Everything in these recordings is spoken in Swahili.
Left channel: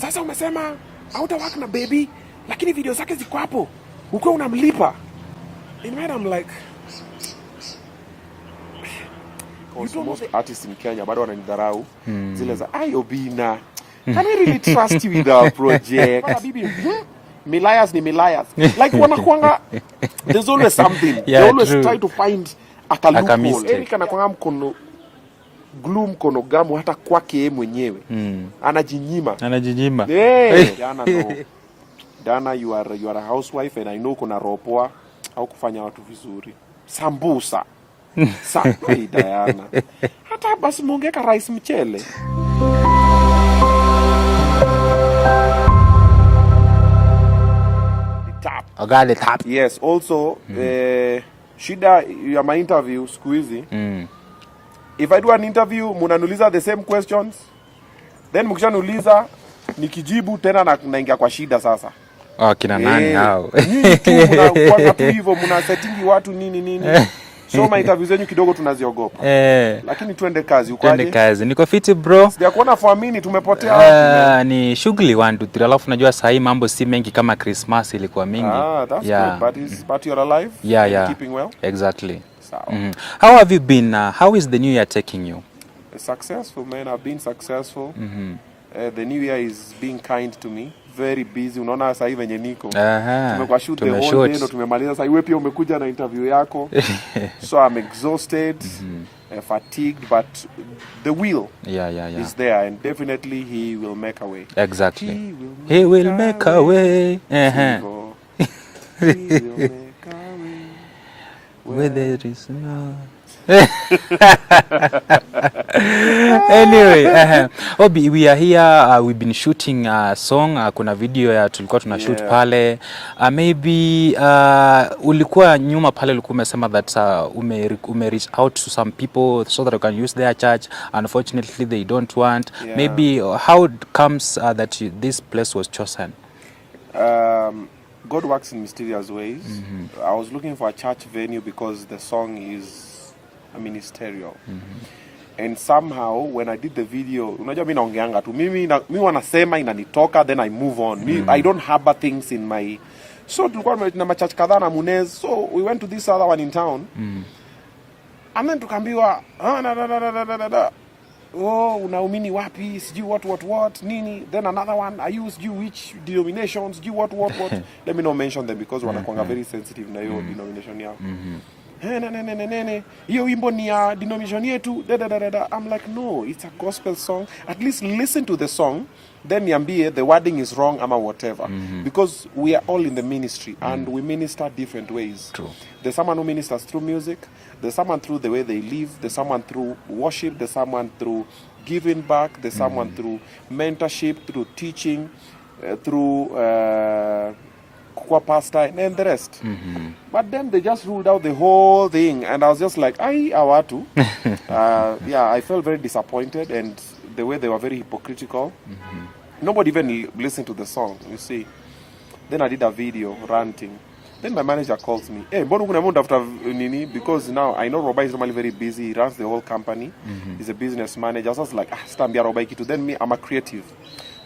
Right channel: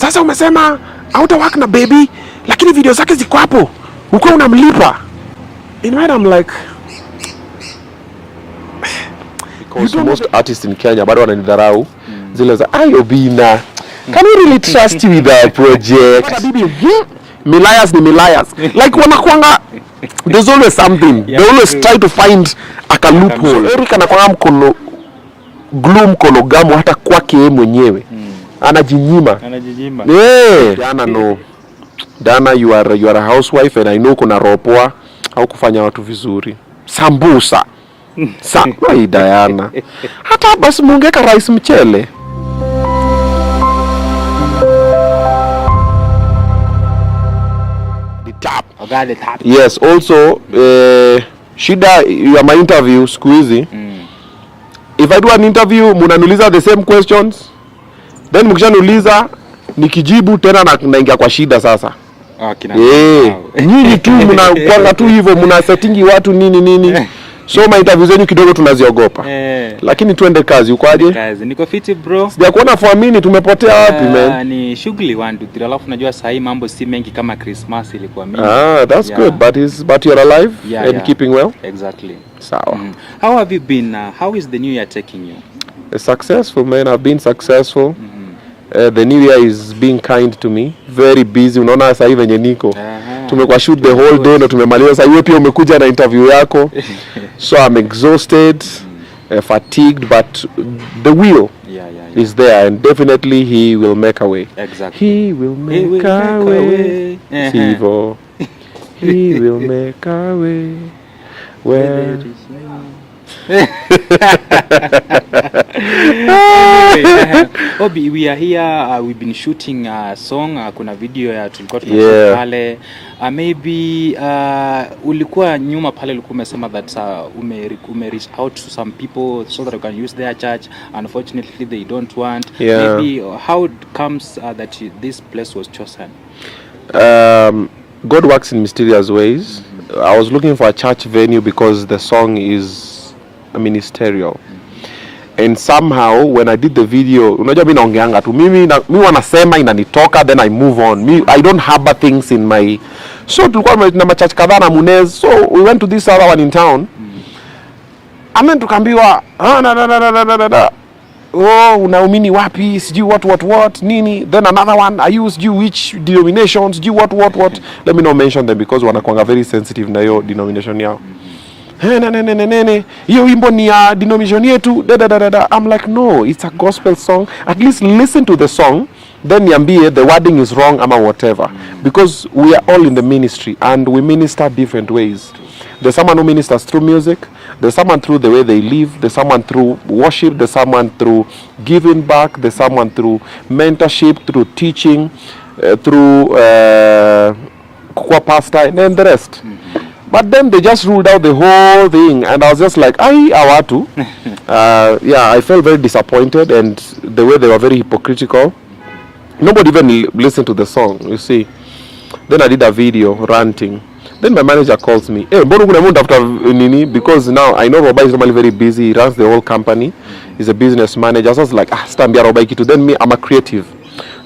Sasa umesema hauta work na baby, lakini video zake ziko hapo. Uko unamlipa. In my I'm like, because most artists in Kenya bado wananidharau. Zile za Obinna. Can we really trust you with our project? Milias ni milias. Like wanakuanga, there's always something. They always try to find a loophole. Eric anakuanga mkono gloom kono gamu hata kwake yeye mwenyewe. Anajinyima. Yeah. Dana no. Dana you are a housewife and I know kuna ropoa au kufanya watu vizuri. Sambusa. Wai Diana. Hata basi mungeka rice mchele. The tap. Yes, also shida ya my interview siku hizi. If I do an interview munanuliza the same questions, then mkishanuliza nikijibu tena naingia kwa shida sasa. Nyinyi tu mnakwanga tu hivyo, mna settingi watu nini. So my interview zenyu kidogo tunaziogopa. Lakini tuende kazi. Uko aje? Kazi. Niko fiti bro. Sijakuona for a minute, tumepotea wapi man? Ni shughuli 1 2 3. Alafu najua saa hii mambo si mengi kama Christmas ilikuwa mingi. That's good. But you're alive and keeping well? Exactly. Sawa. How have you been? How is the new year taking you? Successful man. I've been successful. The new year is being kind to me. Very busy. Unaona sasa hivi venye niko. Tumekuwa shoot the whole day, ndo tumemaliza. Sasa hiyo pia umekuja na interview yako. So I'm exhausted, fatigued, but the will is there and definitely he will make a way. Exactly. He will make a way. He will make a way. Where there is no. Anyway, Obi, we are here. We've been shooting a song. Kuna video ya tulikuwa tunashoot pale. Maybe ulikuwa nyuma pale ulikuwa umesema that ume reach out to some people so that you can use their church. Unfortunately, they don't want. Maybe how it comes that this place was chosen? God works in mysterious ways. I was looking for a church venue because the song is ministerial. And somehow when I did the video, unajua mimi naongeanga tu mimi wanasema inanitoka, then I move on. I don't harbor things in my. So tulikuwa na machurch kadhaa na Munez, so we went to this other one in town. And then tukaambiwa unaumini wapi, sijui what nini. Then another one, I used you which denominations, sijui what. Let me not mention them because wanakuanga very sensitive na hiyo denomination yao. Hiyo wimbo ni ya denomination yetu. I'm like, no, it's a gospel song. At least listen to the song, then niambie the wording is wrong ama whatever. Because we are all in the ministry and we minister different ways. True. There's someone who ministers through music, there's someone through the way they live, there's someone through worship, there's someone through giving back, there's someone through mentorship, through teaching, through kukua pastor, and then the rest. But then they just ruled out the whole thing, and I was just like, awatu. I felt very disappointed, and the way they were very hypocritical. Nobody even listened to the song, you see. Then I did a video ranting. Then my manager calls me, because now I know Robai is normally very busy. He runs the whole company. He's a business manager. So I was like, Stambia Robai Kitu. Then me, I'm a creative.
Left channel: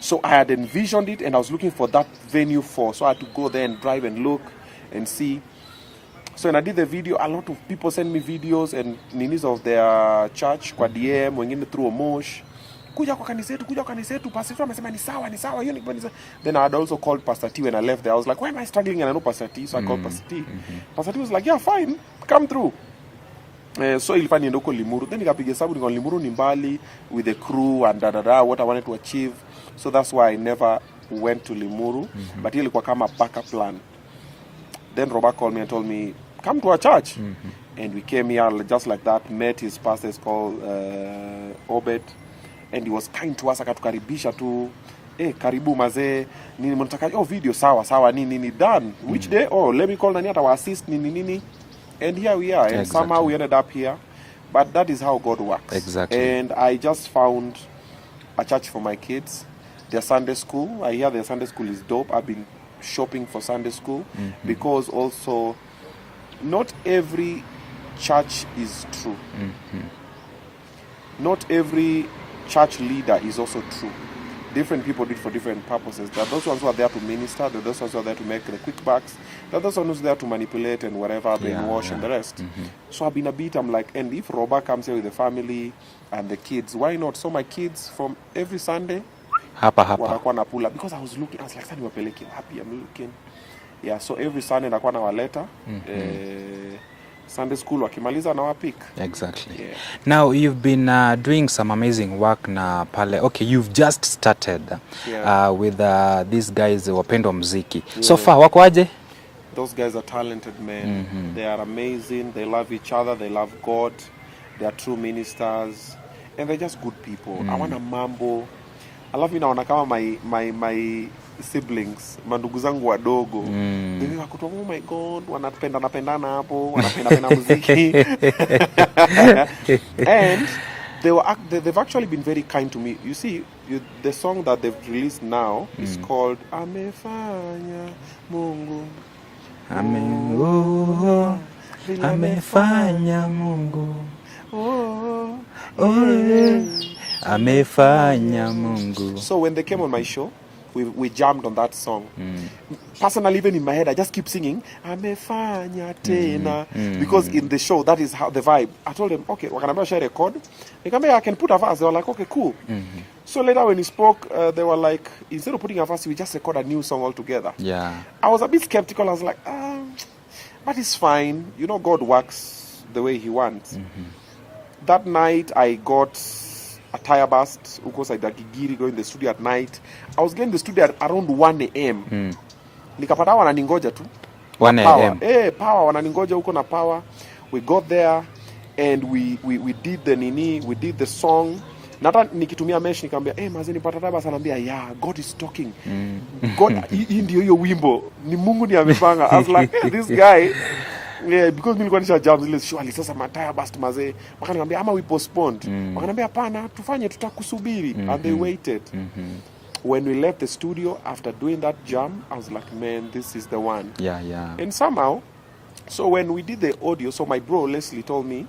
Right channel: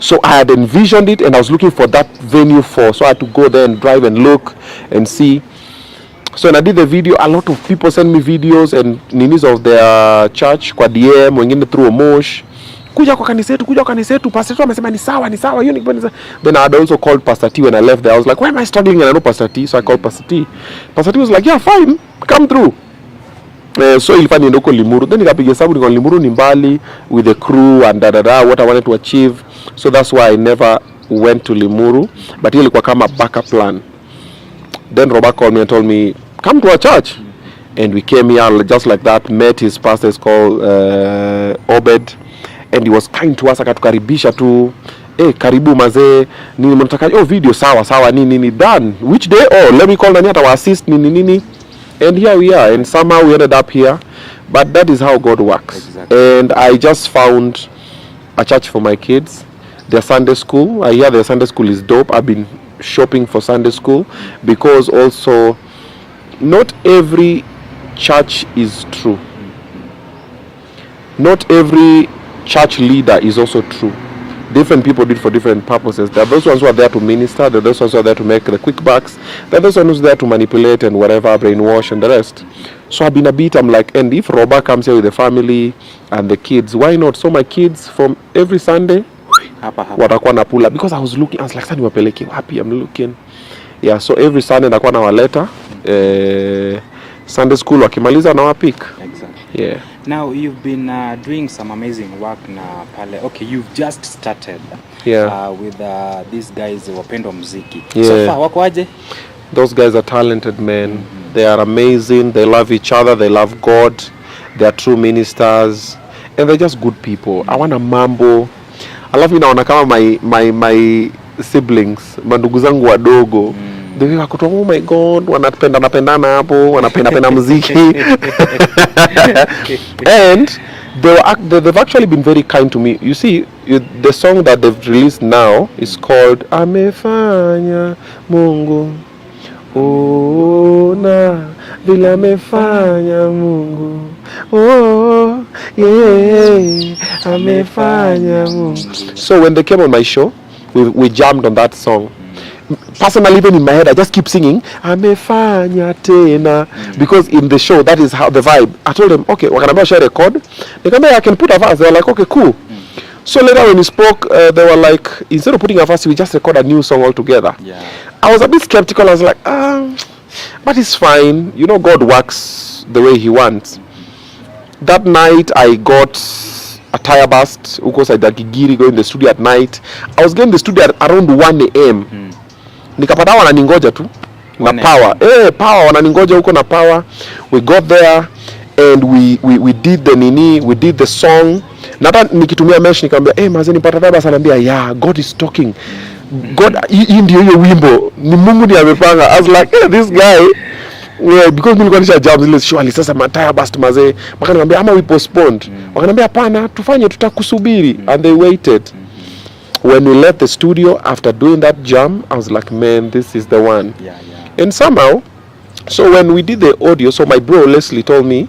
So I had envisioned it, and I was looking for that venue so I had to go there and drive and look and see. So when I did the video, a lot of people sent me videos and ninis of their church kwa DM, wengine through Omosh. Kuja kwa kanisa yetu, Pastor T amesema ni sawa. Then I had also called Pastor T when I left there. I was like, why am I struggling? And I know Pastor T, so I called Pastor T. Pastor T was like, yeah, fine, come through. So ilifanya niende huko Limuru. Then nikapiga hesabu niko Limuru ni mbali with the crew and what I wanted to achieve. So that's why I never went to Limuru. But hiyo ilikuwa kama backup plan. Then Robert called me and told me, come to our church. And we came here just like that, met his pastor, is called Obed. And he was kind to us, akatukaribisha tu. Karibu mazee, nini mnataka? Video sawa, nini done. Which day? Let me call Nani to assist, nini. And here we are, and somehow we ended up here. But that is how God works. Exactly. And I just found a church for my kids. Their Sunday school. I hear their Sunday school is dope. I've been shopping for Sunday school because also not every church is true. Not every church leader is also true. Different people do it for different purposes. There are those ones who are there to minister. There are those ones who are there to make the quick bucks. There are those ones who are there to manipulate and whatever, brainwash and the rest. So I've been a bit, I'm like, and if Roba comes here with the family and the kids, why not? So my kids from every Sunday, watakuwa na pula. Because I was like, sasa niwapeleke wapi? I'm looking. Yeah, so every Sunday nakuwa nawaleta. Sunday school wakimaliza na wapik. Exactly. Yeah. Now you've been doing some amazing work na pale. Okay, you've just started with these guys wapendwa muziki. Yeah. So far wako aje? Those guys are talented men. They are amazing. They love each other. They love God. They are true ministers, and they're just good people. I want a mambo. I love naona kama my siblings, mandugu zangu wadogo. They were like, oh my God, wanapendana hapo, wanapenda muziki. And they've actually been very kind to me. You see, the song that they've released now is called Amefanya Mungu. Ona bila amefanya Mungu. Oh, yeah, amefanya Mungu. So when they came on my show, we jammed on that song. Personally, even in my head, I just keep singing amefanya tena, because in the show that is how the vibe. I told them, okay, wakaniambia share record. They come I can put a verse. They were like, okay, cool. So later when we spoke, they were like, instead of putting a verse, we just record a new song altogether. Yeah. I was a bit skeptical. I was like, but it's fine. You know, God works the way He wants. That night, I got a tire burst. Because I did Gigiri, go in the studio at night. I was getting the studio at around 1 a.m. Nikapata wananingoja tu na power. Power wananingoja huko na power. We got there and we did the song. Nata nikitumia mesh nikamwambia mazeni pata baba sanambia yeah, God is talking. God hii ndio hiyo wimbo. Ni Mungu ndiye amepanga. I was like, this guy because nilikuwa nisha jam zile surely sasa mataya bust mazee. Wakaniambia ama we postponed. Wakaniambia hapana tufanye tutakusubiri and they waited. When we left the studio after doing that jam, I was like, man, this is the one. Yeah. And somehow, so when we did the audio, so my bro Leslie told me,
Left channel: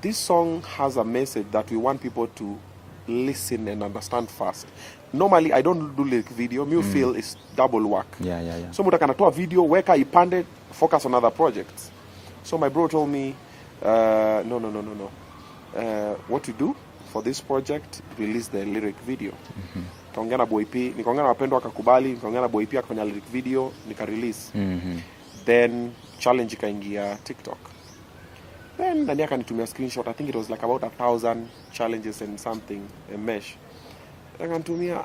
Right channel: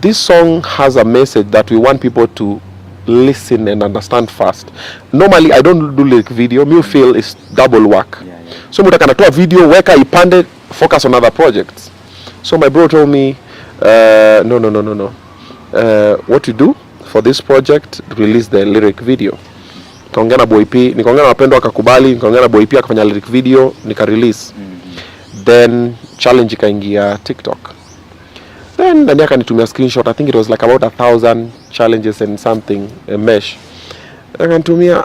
this song has a message that we want people to listen and understand fast. Normally, I don't do like video. Me feel it's double work. Yeah. So muta kanatoa video, weka ipande, focus on other projects. So my bro told me, no. What you do for this project, release the lyric video. Nikaongea na Boy P, nikaongea na wapendwa akakubali, nikaongea na Boy P akafanya lyric video, nika release. Then challenge ikaingia TikTok. Then ndani akanitumia screenshot. I think it was like about 1,000 challenges and something, a mesh. Akanitumia,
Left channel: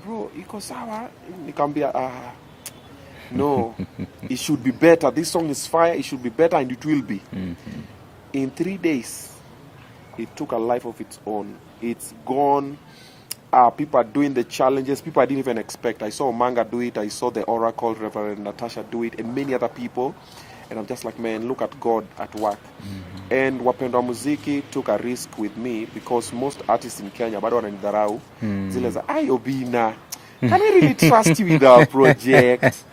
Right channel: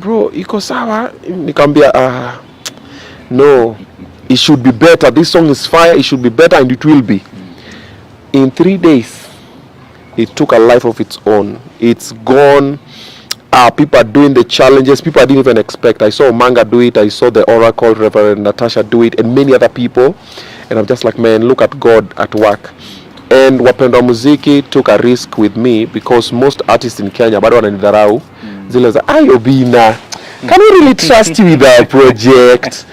bro, iko sawa? Nikamwambia no, it should be better. This song is fire, it should be better and it will be. In 3 days, it took a life of its own. It's gone. People are doing the challenges people I didn't even expect. I saw Manga do it, I saw the Oracle, Reverend Natasha do it, and many other people. And I'm just like, man, look at God at work. And wapendwa muziki took a risk with me because most artists in Kenya bado wananidharau. Zile za, Obinna, can we really trust you with our project?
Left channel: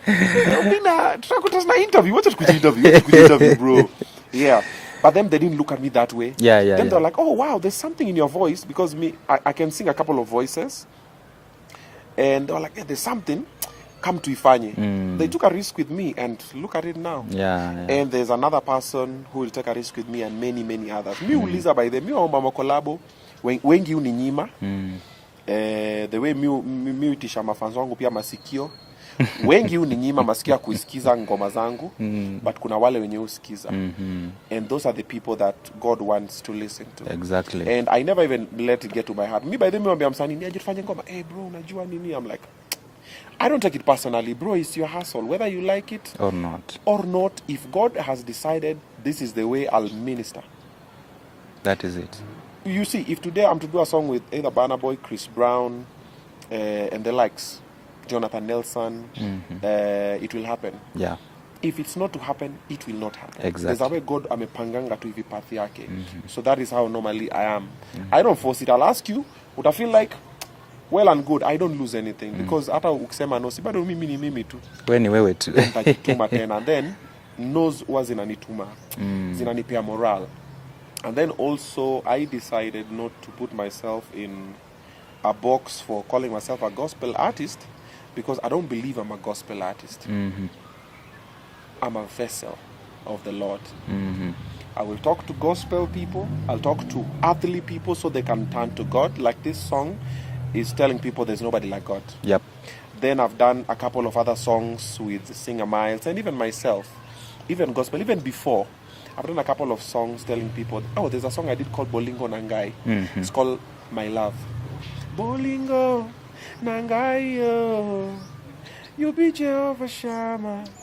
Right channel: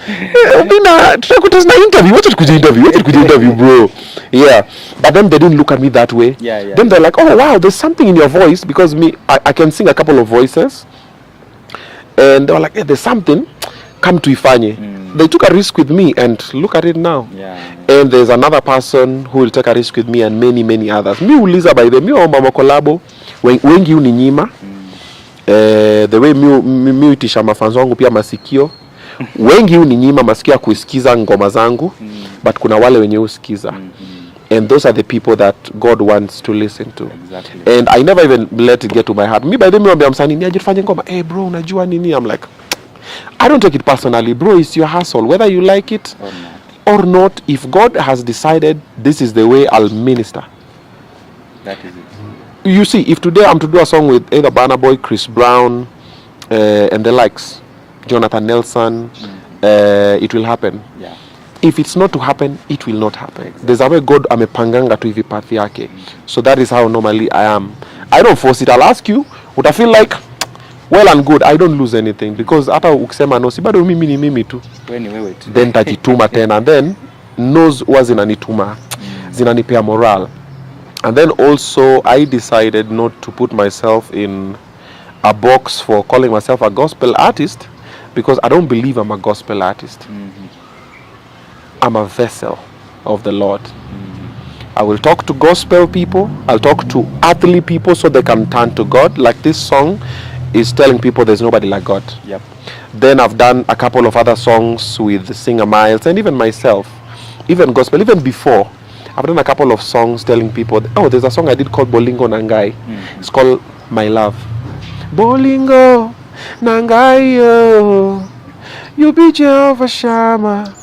Obinna, tutakutana interview. What did you interview, bro? Yeah. But then they didn't look at me that way. Yeah. Then they're like, oh wow, there's something in your voice, because I can sing a couple of voices. And they were like, there's something, come to Ifanye. They took a risk with me and look at it now. Yeah. And there's another person who will take a risk with me and many others. Mi uliza by the mi omba collabo, wengi uninyima. The way mi utisha mafanzo wangu pia masikio. Wengi uninyima masikio ya kusikiza ngoma zangu, but kuna wale wenye usikiza. And those are the people that God wants to listen to. Exactly. And I never even let it get to my heart. Me by the way, I'm saying, "Nijifanye ngoma." Hey bro, unajua nini? I'm like, I don't take it personally, bro. It's your hustle, whether you like it or not. If God has decided this is the way I'll minister, that is it. You see, if today I'm to do a song with either Burna Boy, Chris Brown, and the likes, Jonathan Nelson, it will happen. Yeah. If it's not to happen, it will not happen. Exactly. There's a way God amepanganga tu hivi path yake. So that is how normally I am. I don't force it. I'll ask you, would I feel like, well and good, I don't lose anything. Because hata ukisema no, si bado mimi ni mimi tu. Wewe ni wewe tu. Then tajituma tena. And then, knows huwa zinanituma. Zinanipea moral. And then also, I decided not to put myself in a box for calling myself a gospel artist because I don't believe I'm a gospel artist. I'm a vessel of the Lord. I will talk to gospel people. I'll talk to earthly people so they can turn to God. Like this song is telling people there's nobody like God. Yep. Then I've done a couple of other songs with Singer Miles and even myself, even gospel, even before. I've done a couple of songs telling people, oh, there's a song I did called Bolingo Nangai. It's called My Love. Bolingo Nangai, oh, you be Jehovah Shammah,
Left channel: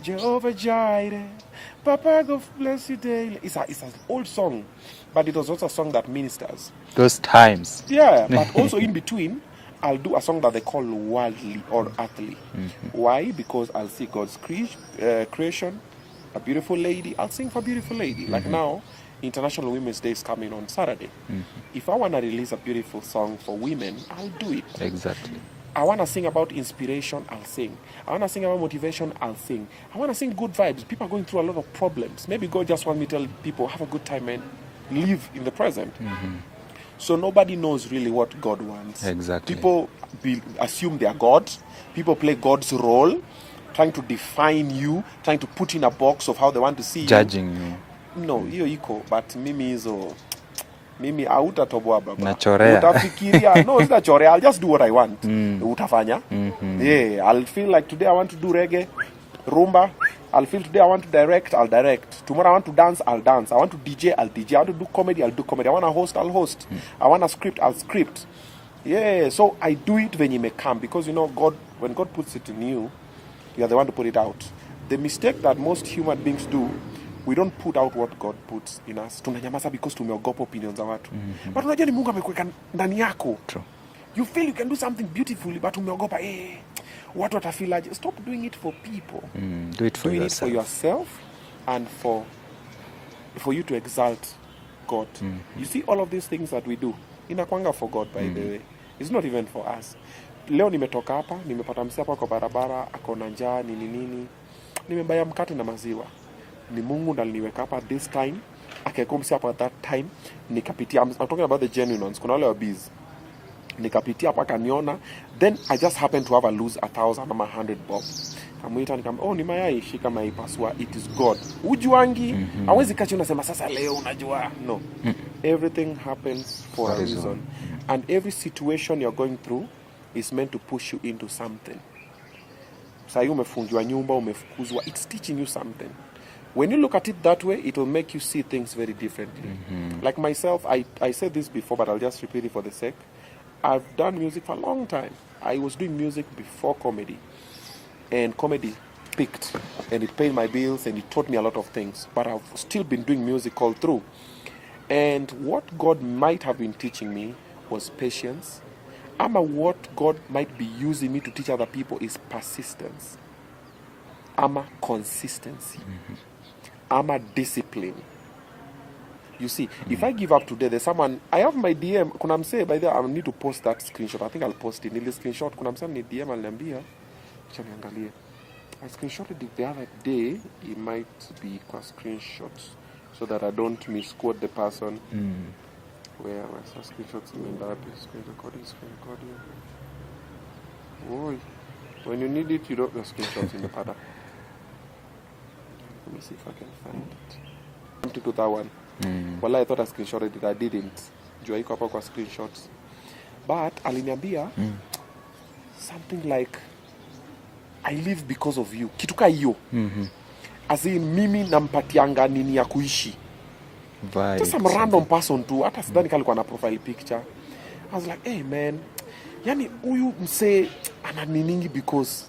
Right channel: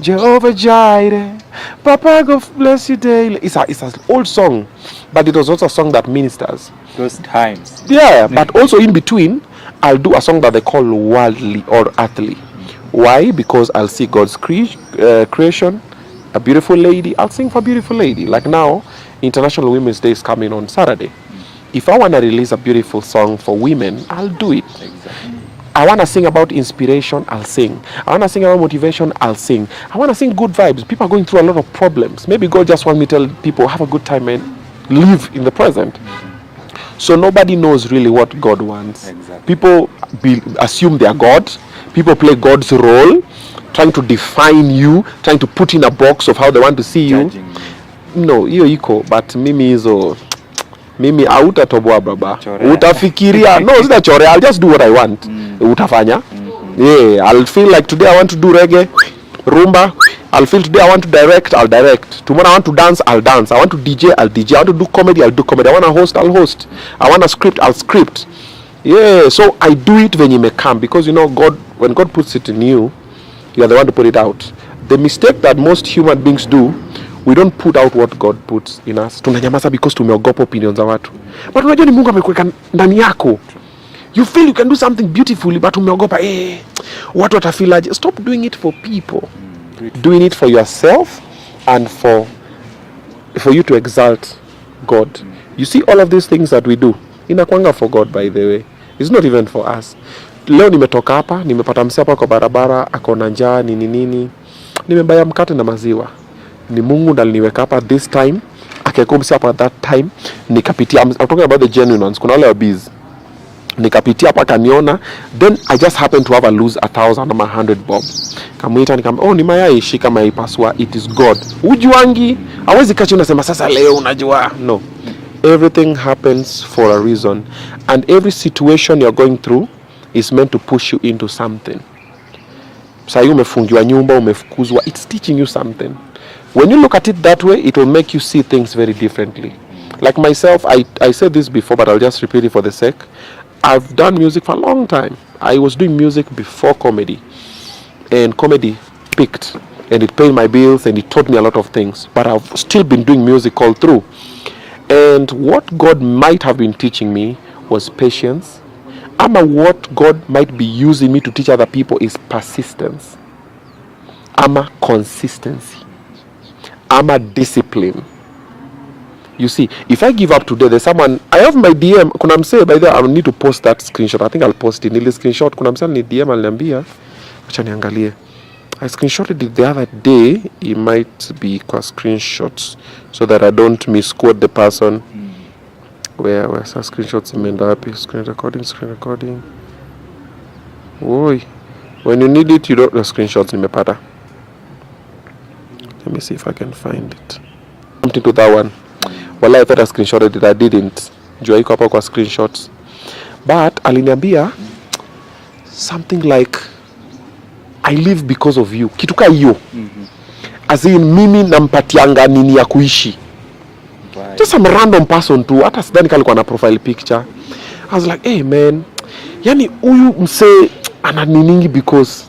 Jehovah Jireh, Papa God bless you daily. It's an old song, but it was also a song that ministers. Those times. Yeah, but also in between, I'll do a song that they call worldly or earthly. Why? Because I'll see God's creation, a beautiful lady. I'll sing for a beautiful lady. Like now, International Women's Day is coming on Saturday. If I want to release a beautiful song for women, I'll do it. Exactly. I want to sing about inspiration, I'll sing. I want to sing about motivation, I'll sing. I want to sing good vibes. People are going through a lot of problems. Maybe God just wants me to tell people, have a good time and live in the present. So nobody knows really what God wants. Exactly. People assume they are God. People play God's role, trying to define you, trying to put in a box of how they want to see Judging you. No, hiyo iko, but mimi hizo mimi hautatoboa baba. Chorea. Utafikiria. No, sita chorea. I'll just do what I want. Utafanya. Yeah, I'll feel like today I want to do reggae, rumba. I'll feel today I want to direct, I'll direct. Tomorrow I want to dance, I'll dance. I want to DJ, I'll DJ. I want to do comedy, I'll do comedy. I want to host, I'll host. I want to script, I'll script. Yeah, so I do it when you may come, because you know God, when God puts it in you, you are the one to put it out. The mistake that most human beings do, we don't put out what God puts in us. Tunanyamaza because tumeogopa opinions za watu. But unajua ni Mungu amekuweka ndani yako. You feel you can do something beautifully, but umeogopa watu watafilaje. Stop doing it for people. Doing it for yourself and for you to exalt God. You see all of these things that we do, inakwanga for God, by the way. It's not even for us. Leo nimetoka hapa, nimepata msee hapa kwa barabara, ako na njaa nini. Nimebaya mkate na maziwa. Ni Mungu ndiye aliniweka hapa this time, akaeka msee hapa that time, nikapitia. I'm talking about the genuine ones. Kuna wale wabizi. Nikapitia hapa kaniona, then I just happen to have a lose 1,000 ama 100 bob. Kamuita nikamwambia, ni mayai, shika mayai pasua, it is God. Ujuangi, hawezi kachi unasema sasa leo unajua. No. Everything happens for a reason, and every situation you're going through is meant to push you into something. Sasa umefungiwa nyumba, umefukuzwa, it's teaching you something. When you look at it that way, it will make you see things very differently. Like myself, I said this before, but I'll just repeat it for the sake. I've done music for a long time. I was doing music before comedy, and comedy picked, and it paid my bills, and it taught me a lot of things. But I've still been doing music all through. And what God might have been teaching me was patience. What God might be using me to teach other people is persistence. Consistency. Discipline. You see, if I give up today, there's someone, I have my DM, kuna msee, by the way, I need to post that screenshot. I think I'll post it. Nili screenshot, kuna msee ni DM aliniambia, acha niangalie. I screenshotted it the other day. It might be screenshots so that I don't misquote the person. Where's the screenshots imeenda wapi? Screen recording. Oi. When you need it, you don't, the screenshots nimepata. Let me see if I can find it. Something to that one. Well, I thought I screenshotted it. I didn't. Jua iko hapo kwa screenshots. But aliniambia something like, I live because of you. Kitu ka hiyo. As in, mimi nampatianga nini ya kuishi. Right. Just some random person tu. Hata sidhani kalikuwa na profile picture. I was like, hey man, yani huyu mse ana niningi because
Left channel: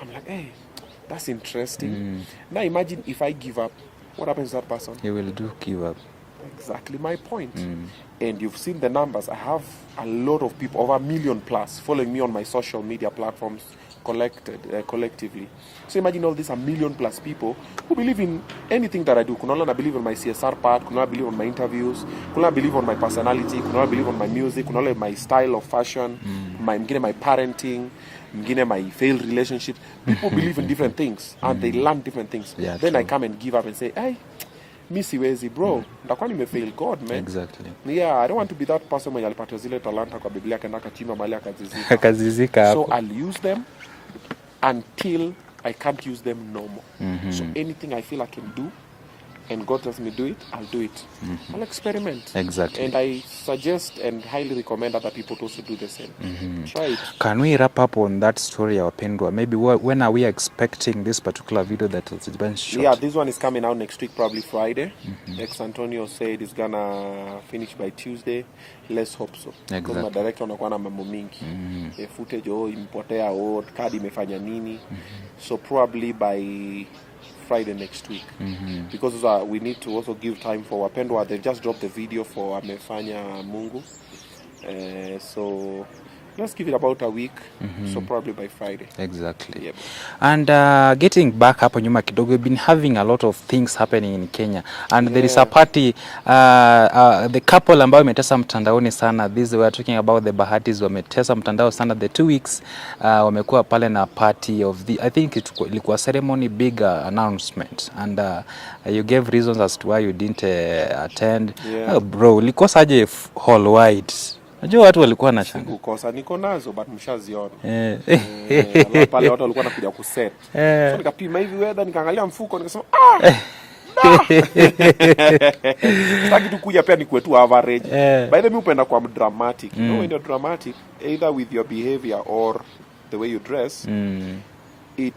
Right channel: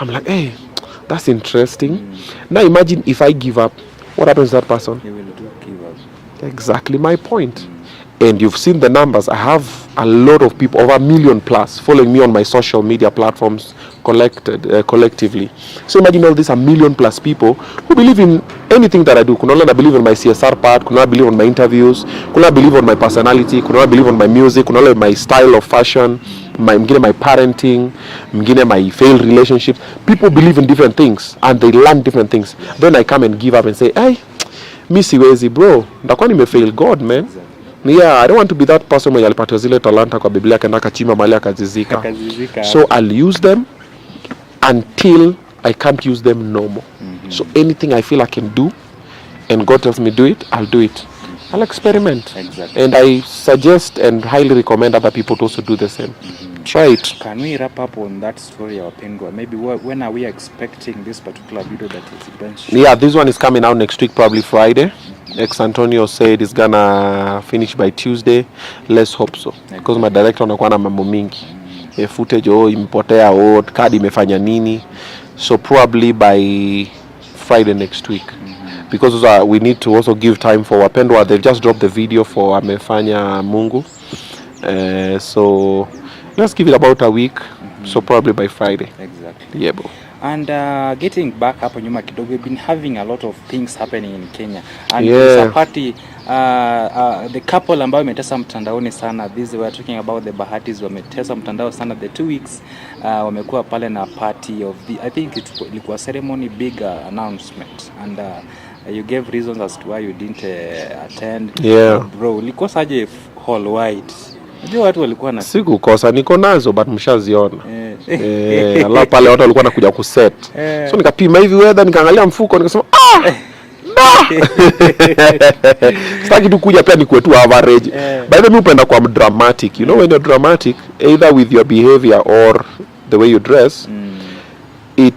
I'm like, hey, that's interesting. Now imagine if I give up. What happens to that person? He will give up. Exactly my point. And you've seen the numbers. I have a lot of people, over 1 million plus, following me on my social media platforms collectively. So imagine all these 1 million plus people who believe in anything that I do. Kunala believe in my CSR part, kunala believe on my interviews, kunala believe on my personality, kunala believe on my music, kunala my style of fashion, my parenting, my failed relationships. People believe in different things and they learn different things. Yeah. Then I come and give up and say, hey, mi siwezi bro, ndakuwa nimefail God, man. Exactly. Yeah, I don't want to be that person mwenye alipata zile talanta kwa Biblia akaenda akachimba mahali akazizika. So I'll use them until I can't use them no more. So anything I feel I can do and God tells me do it, I'll do it. I'll experiment. Exactly. And I suggest and highly recommend other people to also do the same. Try it. Can we wrap up on that story, Wapendwa? Maybe when are we expecting this particular video that is being shown? Yeah, this one is coming out next week, probably Friday. Ex-Antonio said it's gonna finish by Tuesday. Let's hope so. Because my director anakuwa na mambo mingi. Footage imepotea, card imefanya nini. So probably by Friday next week. Because we need to also give time for Wapendwa. They've just dropped the video for Amefanya Mungu. So let's give it about a week. So probably by Friday. Exactly. Yeah, bro. And getting back hapo nyuma kidogo, we've been having a lot of things happening in Kenya. And there's a party, the couple ambao wametesa mtandaoni sana. This we are talking about the Bahatis wametesa mtandao sana. The 2 weeks wamekuwa pale na party of the, I think ilikuwa ceremony, big announcement. And you gave reasons as to why you didn't attend. Yeah. Bro, ulikosaje hall wide? Najua watu walikuwa na sikukosa, niko nazo but mshaziona. Allah pale watu walikuwa nakuja kuset. So nikapima hivi weather, nikaangalia mfuko, nikasema sitaki tu kuja pia nikuwe tu average. By the way, upenda kwa dramatic. You know when you're dramatic, either with your behavior or the way you dress, it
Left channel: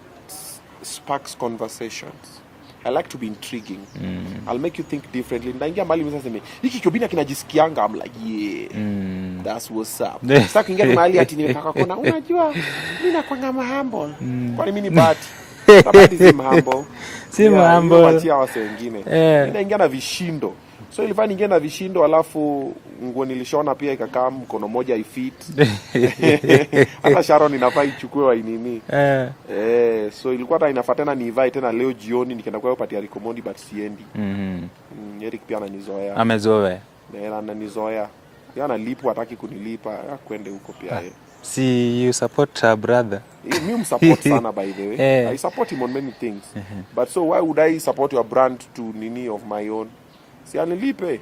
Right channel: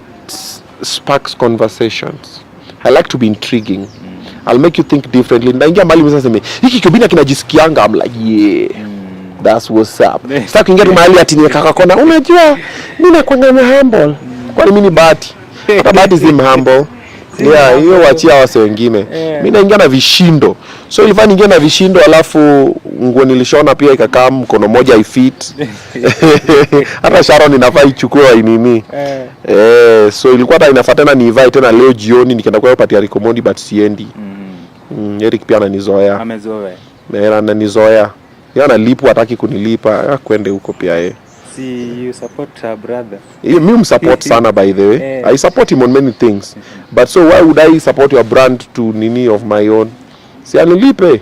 sparks conversations. I like to be intriguing. I'll make you think differently. Naingia mahali msaseme, hiki Obinna kinajisikianga. I'm like, yeah. That's what's up. Sasa kuingia tu mahali ati nikaka kona, unajua mimi nakuwa humble. Kwani mimi ni bati? Bati si humble. Yeah, hiyo wachia wase wengine. Mimi naingia na vishindo. So ilifanya niingia na vishindo, alafu nguo nilishona pia ikakaa mkono moja ifit. Hata Sharon inafaa ichukue nini. So ilikuwa hata inafaa tena niivae tena leo jioni nikaenda kwa party ya Omondi but siendi. Eric pia ananizoea. Amezoea. Ananizoea. Yeye analipwa, hataki kunilipa, kwende huko pia yeye. See, you support a brother. Mimi support sana by the way. I support him on many things. But so why would I support your brand to nini of my own? Si anilipe.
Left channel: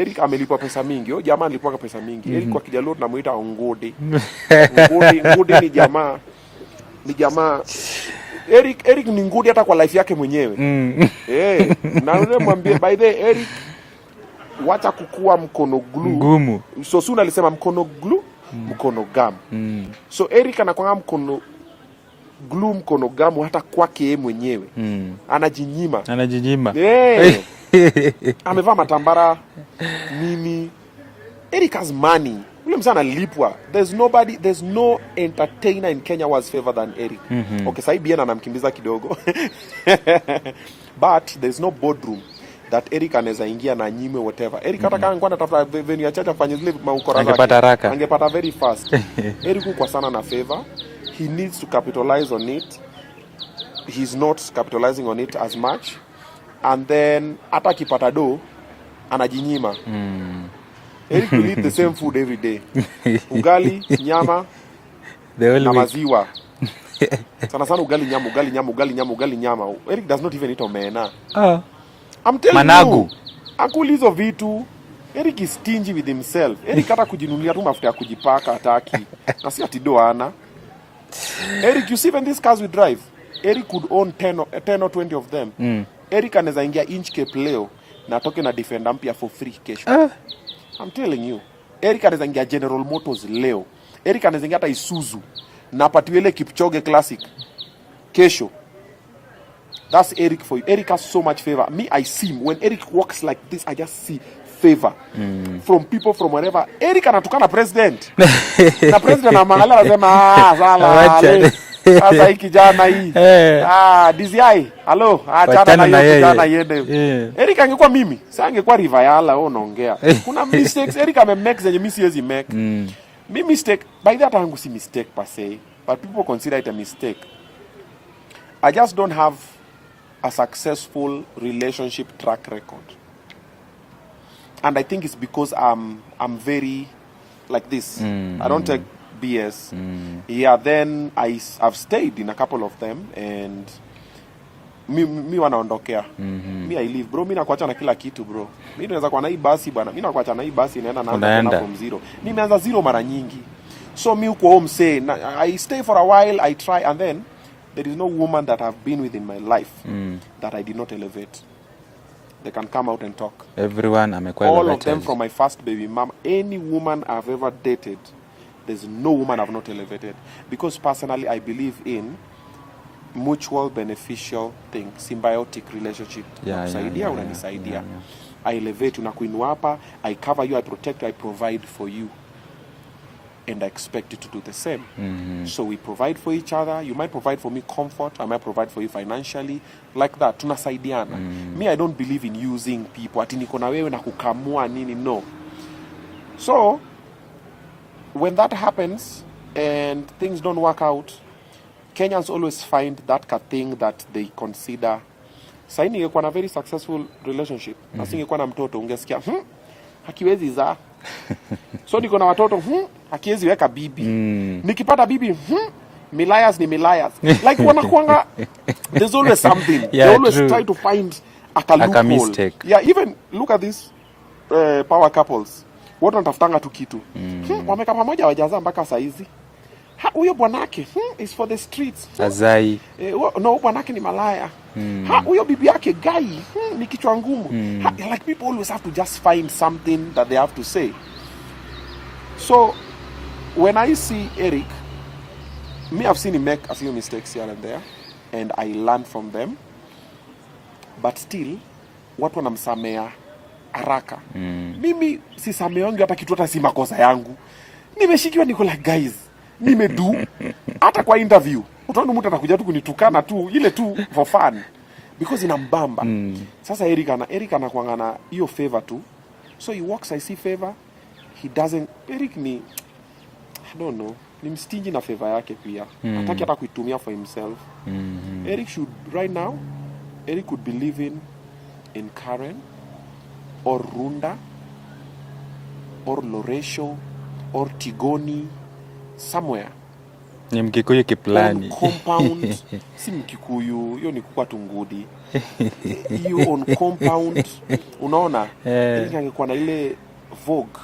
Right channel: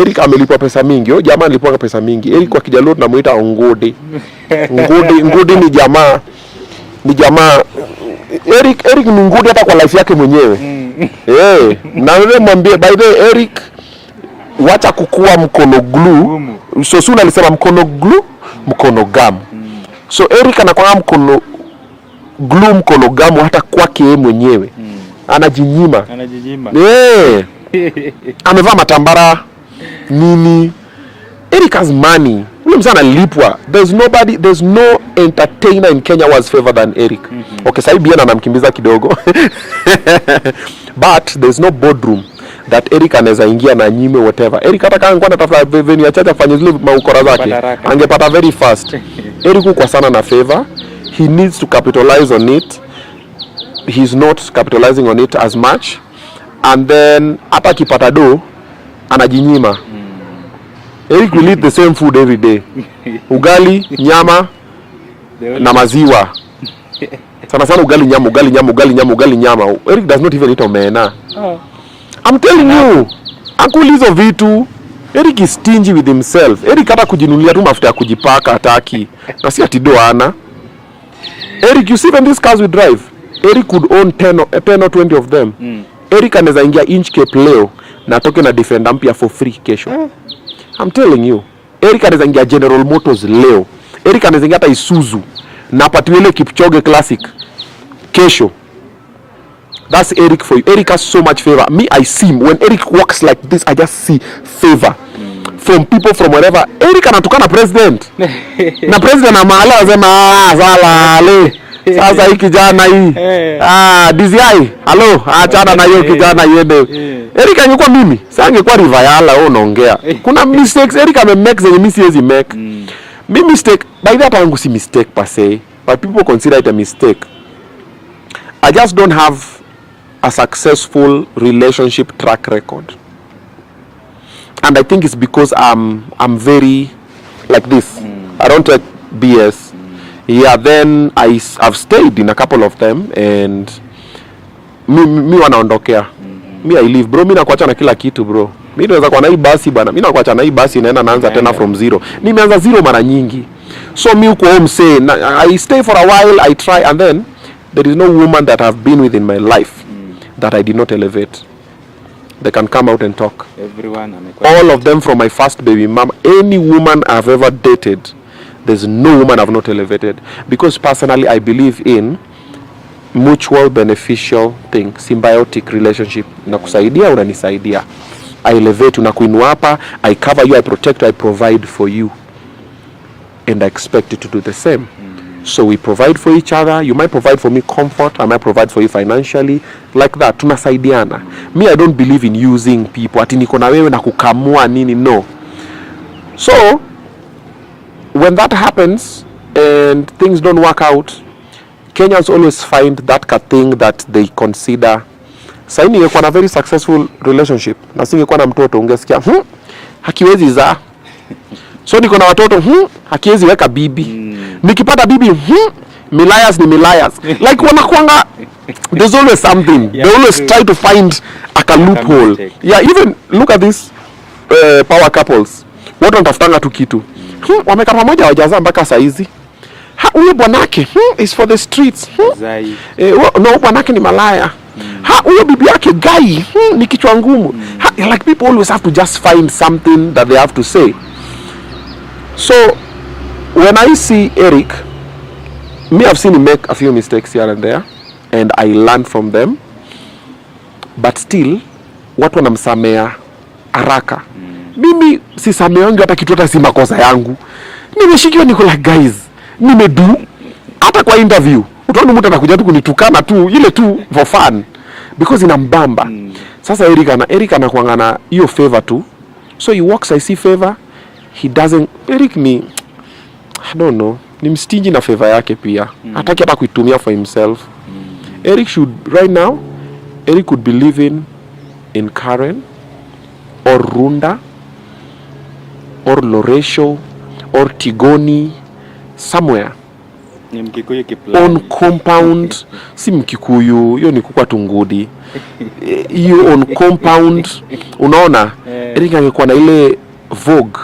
Eric amelipa pesa mingi. Yo jamaa alipwa pesa mingi. Eric kwa Kijaluo tunamuita Ongode. Ngode ni jamaa. Ni jamaa. Eric ni ngode hata kwa life yake mwenyewe. Na wewe mwambie by the way Eric, wacha kukua mkono glue. So Suna alisema mkono glue, mkono gamu. So Eric anakuwa mkono glue, mkono gamu hata kwake yeye mwenyewe. Anajinyima. Amevaa matambara nini. Eric has money. Ule mzana lipwa. There's no entertainer in Kenya was favored than Eric. Okay, sasa hivi anamkimbiza kidogo. But there's no boardroom that Eric anaweza ingia na nyime whatever. Eric hata kama angekuwa anatafuta venue ya chacha afanye zile maukora zake, angepata very fast. Eric uko sana na favor. He needs to capitalize on it. He's not capitalizing on it as much. And then hata akipata do anajinyima. Eric will eat the same food every day. Ugali, nyama na maziwa. Sana ugali nyama. Eric does not even eat omena. I'm telling you, akulizo vitu. Eric is stingy with himself. Eric hata kujinunulia tu mafuta ya kujipaka hataki. Na si ati doana. Eric, you see when these cars we drive, Eric could own 10 or 20 of them. Eric anaweza ingia Inchcape leo na atoke na Defender mpya for free kesho. I'm telling you. Eric anaweza ingia General Motors leo. Eric anaweza ingia hata Isuzu na patiwele Kipchoge Classic kesho. That's Eric for you. Eric has so much favor. Me, I see him. When Eric walks like this, I just see favor from people from wherever. Eric anatukana president. Na president amala wasema sala alo. Sasa hiki kijana hii. DCI. Hello. Achana na hiyo kijana yende. Eric angekuwa mimi. Sasa angekuwa Rivayala wewe unaongea. Kuna mistakes Eric amemake zenye mimi siwezi make. Me mistake. By that time si mistake per se, but people consider it a mistake. I just don't have a successful relationship track record, and I think it's because I'm very like this. I don't take BS. Yeah, then I've stayed in a couple of them, and me wanaondokea. Me I live bro, mimi nakuacha na kila kitu bro. Mimi naweza kwa na hii basi bana. Mimi nakuacha na hii basi naanza tena from zero. Nimeanza zero mara nyingi. So me uko home say I stay for a while, I try, and then there is no woman that I've been with in my life that I did not elevate. They can come out and talk. Everyone all of them from my first baby mama, any woman I've ever dated, there's no woman I've not elevated, because personally I believe in mutual beneficial thing, symbiotic relationship. Nakusaidia, unanisaidia. I elevate, unakuinua hapa, I cover you, I protect you, I provide for you, and I expect you to do the same. So we provide for each other. You might provide for me comfort, I might provide for you financially, like that. Tunasaidiana. Me, I don't believe in using people. Ati niko na wewe na kukamua nini, no. So when that happens and things don't work out, Kenyans always find that thing that they consider. Sasa ningekuwa na very successful relationship na singekuwa na mtoto, ungesikia hakiwezi za. So niko na watoto hakiwezi weka bibi. Nikipata bibi milias ni milias. Like wanakuanga, there's always something. They always try to find a loophole. Yeah, even look at this power couples. Watu wanatafutanga tu kitu. Wamekaa pamoja wajazaa mpaka saa hizi. Huyo bwanake is for the streets. No, bwanake ni malaya. Huyo bibi yake guy ni kichwa ngumu. Like people always have to just find something that they have to say. So when I see Eric, me, I've seen him make a few mistakes here and there, and I learn from them. But still, watu wanamsamea haraka. Mimi sisameongi hata kitu, hata si makosa yangu. Nimeshikiwa, niko like guys, nimedu. Hata kwa interview utaona mtu anakuja tu kunitukana tu, ile tu for fun, because inambamba. Sasa Eric anakuangana hiyo favor tu. So he walks, I see favor. He doesn't. Eric ni, I don't know, ni mstingi na favor yake pia. Hataki hata kuitumia for himself. Eric should, right now, Eric could be living in Karen or Runda or Loresho or Tigoni, somewhere on compound. Si Mkikuyu, hiyo ni kukua Tungudi. You on compound, unaona. Eric angekuwa na ile Vogue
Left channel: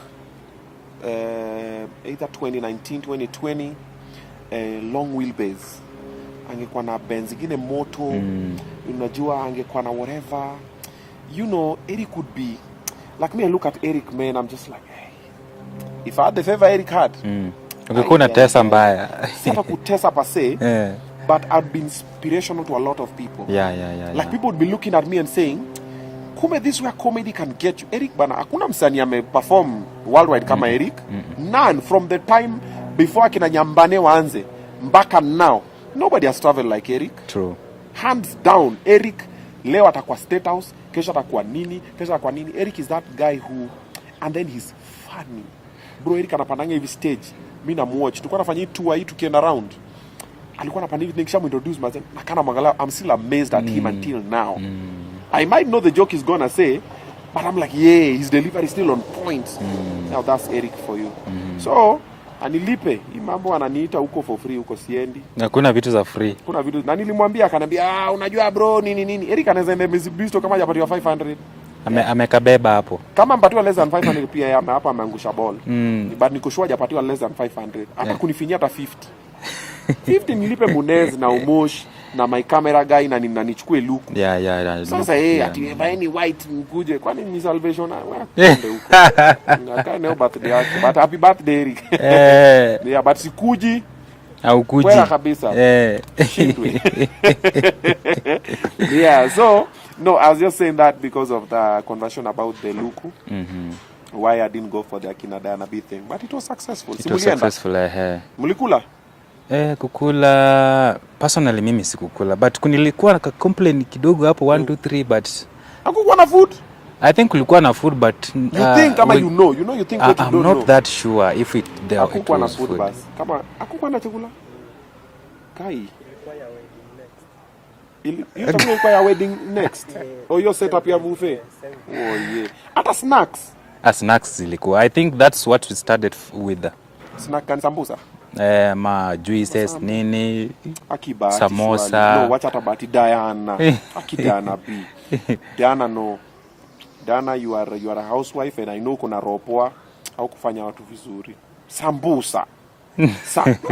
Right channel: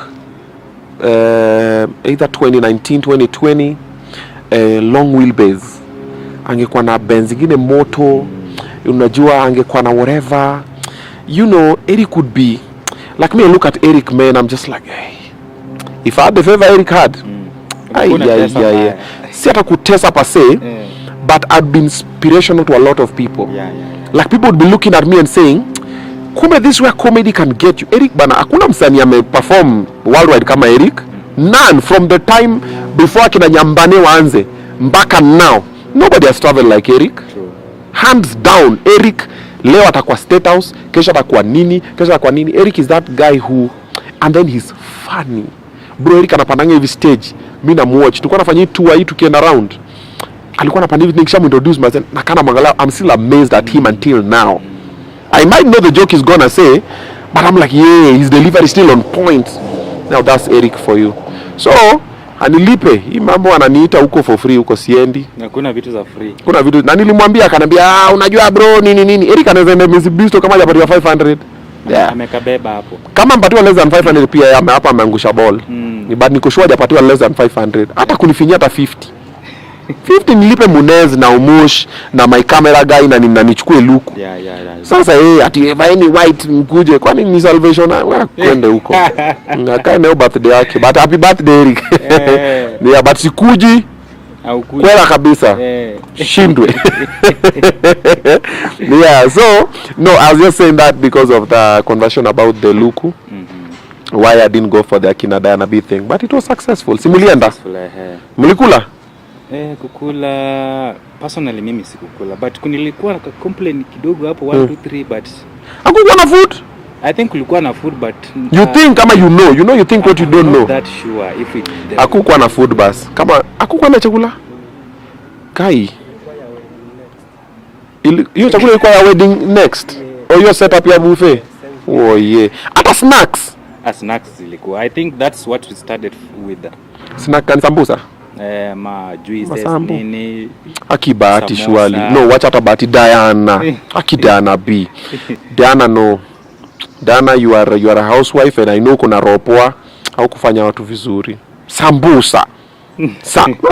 either 2019 2020 long wheelbase, angekuwa na Benz zingine moto, unajua, angekuwa na whatever, you know. Eric could be like me. I look at Eric, man, I'm just like, hey, if I had the favor Eric had, si hata kutesa per se, but I'd be inspirational to a lot of people. Like people would be looking at me and saying, kumbe this where comedy can get you. Eric bana, hakuna msanii ameperform worldwide kama Eric. None, from the time before akina Nyambane waanze mpaka now, nobody has traveled like Eric. True. Hands down. Eric leo atakuwa State House, kesho atakuwa nini, kesho atakuwa nini. Eric is that guy who, and then he's funny. Bro, Eric anapandanga hivi stage, mimi na watch. Tulikuwa nafanya tour hii tukienda around. Alikuwa anapanda hivi, nikishamu introduce myself na kana mwangalia, I'm still amazed at him until now. I might know the joke he's gonna say, but I'm like, yeah, his delivery is still on point. Now that's Eric for you. So, anilipe. Hii mambo ananiita huko for free, huko siendi. Kuna vitu za free. Kuna vitu, na nilimwambia akanambia, unajua bro, nini. Eric anaweza enda Mitsubishi kama hajapatiwa 500. Yeah. Amekabeba hapo. Kama mpatiwa less than 500 pia hapa ameangusha ball. Ni bad, niko sure hajapatiwa less than 500. Hata kunifinyia hata 50. 50 nilipe Munez na Umush na my camera guy na nichukue luku. Sasa ati any white mkuje, kwani ni salvation kwende huko. Ngakaa leo birthday yake, but happy birthday Eric. Yeah, but sikuji au kuji kwela kabisa. Shindwe. Yeah, so no, I was just saying that because of the conversation about the luku. Why I didn't go for the Akina Diana B thing, but it was successful. Simulienda. Mulikula? Kukula personally mimi sikukula, but kunilikuwa na complain kidogo hapo 1 2 3, but hakukuwa na food. I think kulikuwa na food, but you think kama you think what you don't know. I'm not that sure if it hakukuwa na food bas. Kama hakukuwa na chakula kai hiyo chakula ilikuwa ya wedding next or your setup ya buffet. Oh yeah, hata snacks. Snacks zilikuwa, I think that's what we started with. Snack kan sambusa. ma juices nini. Akibahati surely. No, watch hata bahati Diana. Diana B. Diana no. Diana, you are a housewife and I know kuna ropoa au kufanya watu vizuri. Sambusa.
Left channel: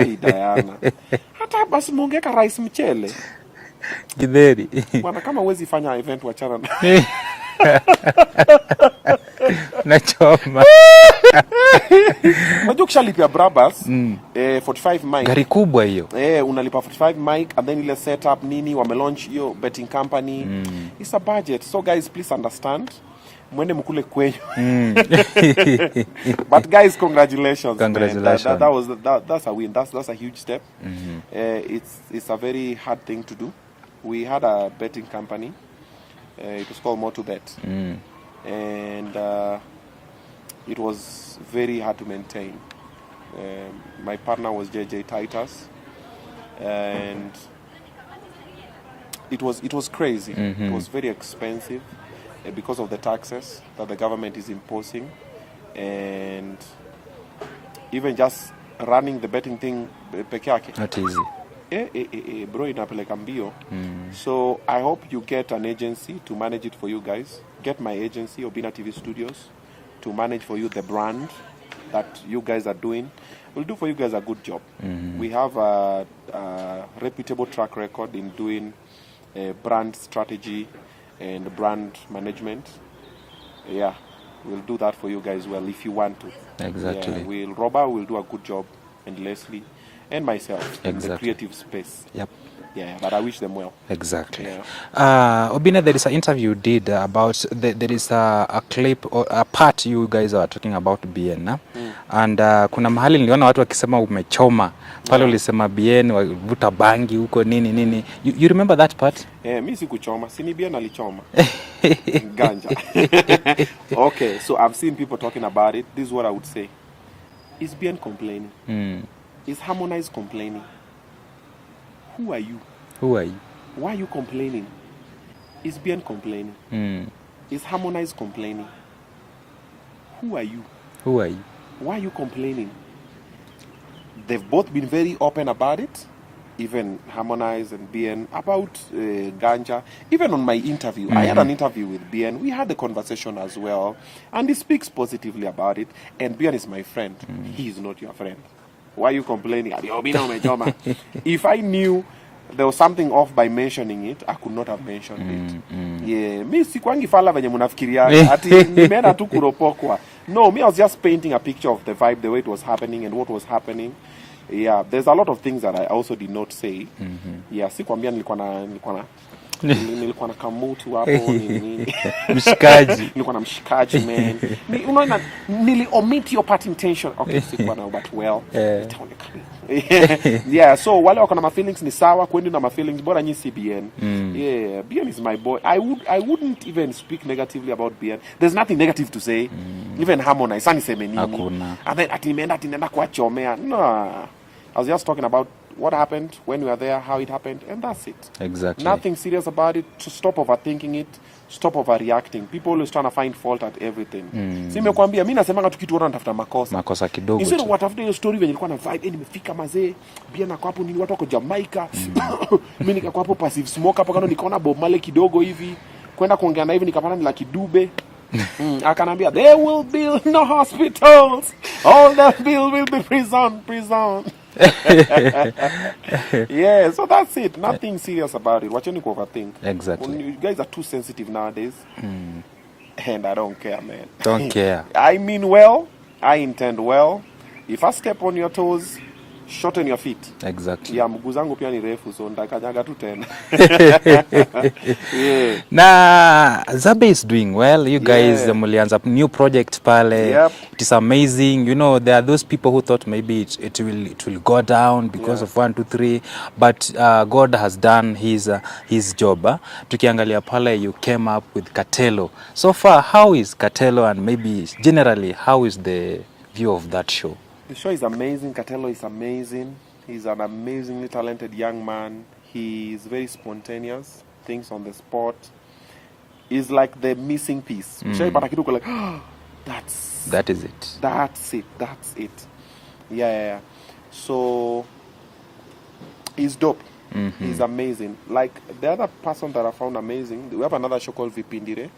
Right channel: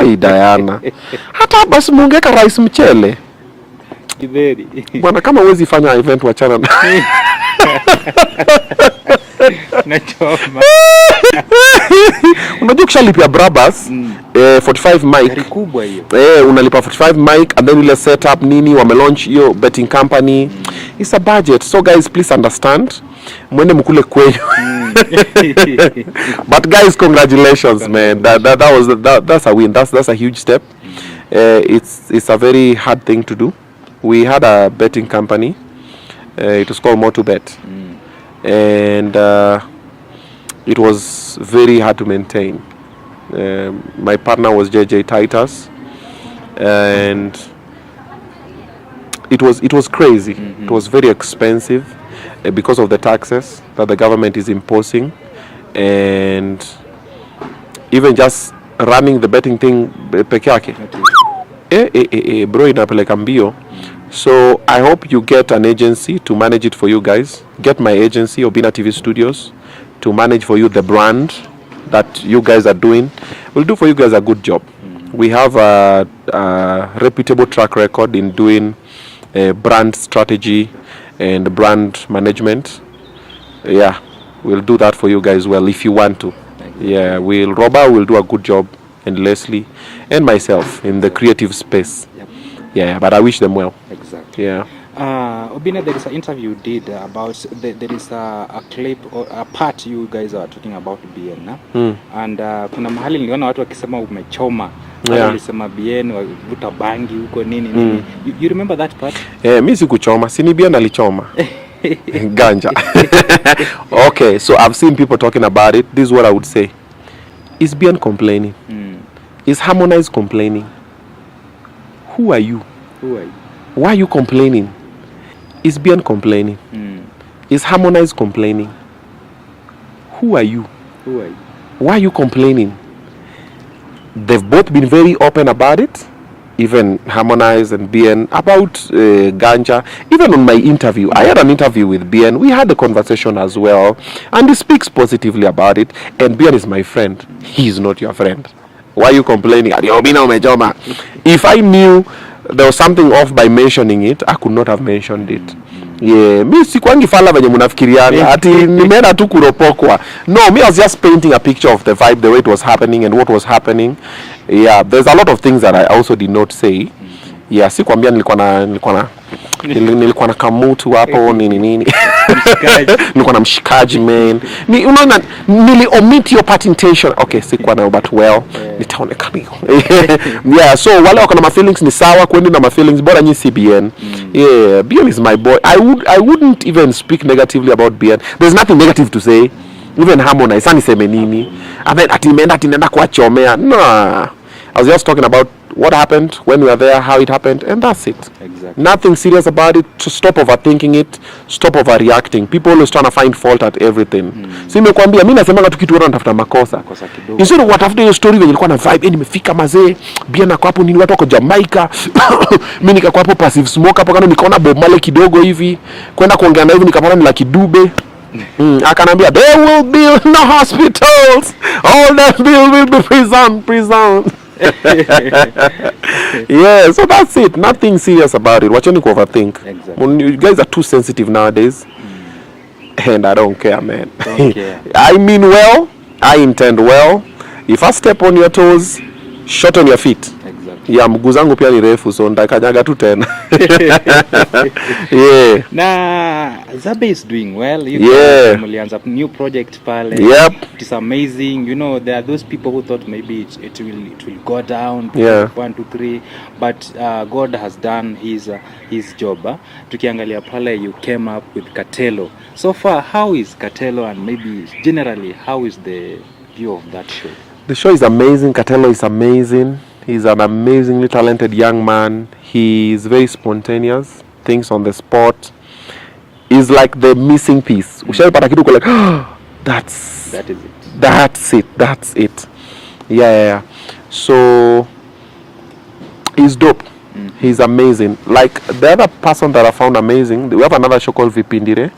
Hii Diana. Hata basi muongeka rice mchele. Githeri. Bwana kama huwezi fanya event wachana na. Nachoma. Unajua ukishalipia Brabus 45 mic. Gari kubwa hiyo. Unalipa 45 mic and then ile setup nini wamelaunch hiyo betting company. It's a budget. So guys, please understand. Mwende mkule kwenyu. But guys, congratulations, man. That's a win. That's a huge step. It's a very hard thing to do. We had a betting company. It was called Motobet. And it was very hard to maintain. My partner was JJ Titus, and it was crazy. It was very expensive because of the taxes that the government is imposing, and even just running the betting thing peke yake. Bro inapeleka mbio. So I hope you get an agency to manage it for you guys. Get my agency, Obinna TV Studios, to manage for you the brand that you guys are doing. We'll do for you guys a good job. We have a reputable track record in doing brand strategy and brand management. Yeah, we'll do that for you guys well if you want to. Exactly. Yeah, Robert will do a good job, and Leslie and myself in the creative space. Yep. Yeah, but I wish them well. Exactly. Yeah. Obinna, there is an interview you did about there is a clip or a part you guys are talking about BN and kuna mahali niliona watu wakisema umechoma. Wale walisema BN wavuta bangi huko nini. You remember that part? Mimi sikuchoma, si ni BN alichoma. Ganja. Okay, so I've seen people talking about it. This is what I would say. Is BN complaining? Is Harmonize complaining? Who are you? Why are you complaining? Is BN complaining? Is Harmonize complaining? Who are you? Why are you complaining? They've both been very open about it. Even Harmonize and BN about ganja. Even on my interview, I had an interview with BN. We had a conversation as well, and he speaks positively about it. And BN is my friend. He is not your friend. Why are you complaining? If I knew there was something off by mentioning it, I could not have mentioned it. Yeah, mi sikwangi fala venye munafikiriana ati nimeenda tu kuropokwa. No, me I was just painting a picture of the vibe, the way it was happening and what was happening. Yeah, there's a lot of things that I also did not say. Yeah, sikwambia nilikuwa na kamutu hapo nini. Nilikuwa na mshikaji man. Unaona nili omit your part intention. Okay, sikuwa na but well. Nitaonekana. Yeah, so wale wako na my feelings ni sawa kwendi na my feelings bora nyi CBN. Yeah, BN is my boy. I wouldn't even speak negatively about BN. There's nothing negative to say. Even Harmonize aniseme nini. Ati nenda kuachomea. No. I was just talking about what happened when we were there, how it happened, and that's it. Exactly. Nothing serious about it. To stop overthinking it, stop overreacting. People always trying to find fault at everything. Si nimekwambia mimi nasemanga tu kitu watu wanatafuta makosa kidogo. Instead of watafuta hiyo story wenye ilikuwa na vibe, nimefika mazee, BN ako hapo nini watu wako Jamaica. Mimi nikakuwa hapo passive smoke hapo kana nikaona Bob Marley kidogo hivi. Kwenda kuongea na hivi nikapata ni Lucky Dube. Akanambia there will be no hospitals. All that will be prison. Yeah, so that's it. Nothing serious about it. Wacheni ku overthink. Exactly. You guys are too sensitive nowadays. And I don't care, man. Don't care. I mean well. I intend well. If I step on your toes, short on your feet. Exactly. Yeah, mguu zangu pia ni refu so ndakanyaga tu tena. Yeah. Na Zabe is doing well. You guys mlianza new project pale. Yep. It is amazing. You know, there are those people who thought maybe it will go down because of 1, 2, 3, but God has done his job. Tukiangalia pale, you came up with Katelo. So far, how is Katelo, and maybe generally how is the view of that show? The show is amazing. Katelo is amazing. He's an amazingly talented young man. He is very spontaneous, thinks on the spot. He's like the missing piece. Ushaipata kitu like, that is it. That's it. Yeah. So he's dope. He's amazing. Like the other person that I found amazing, we have another show called Vipindire.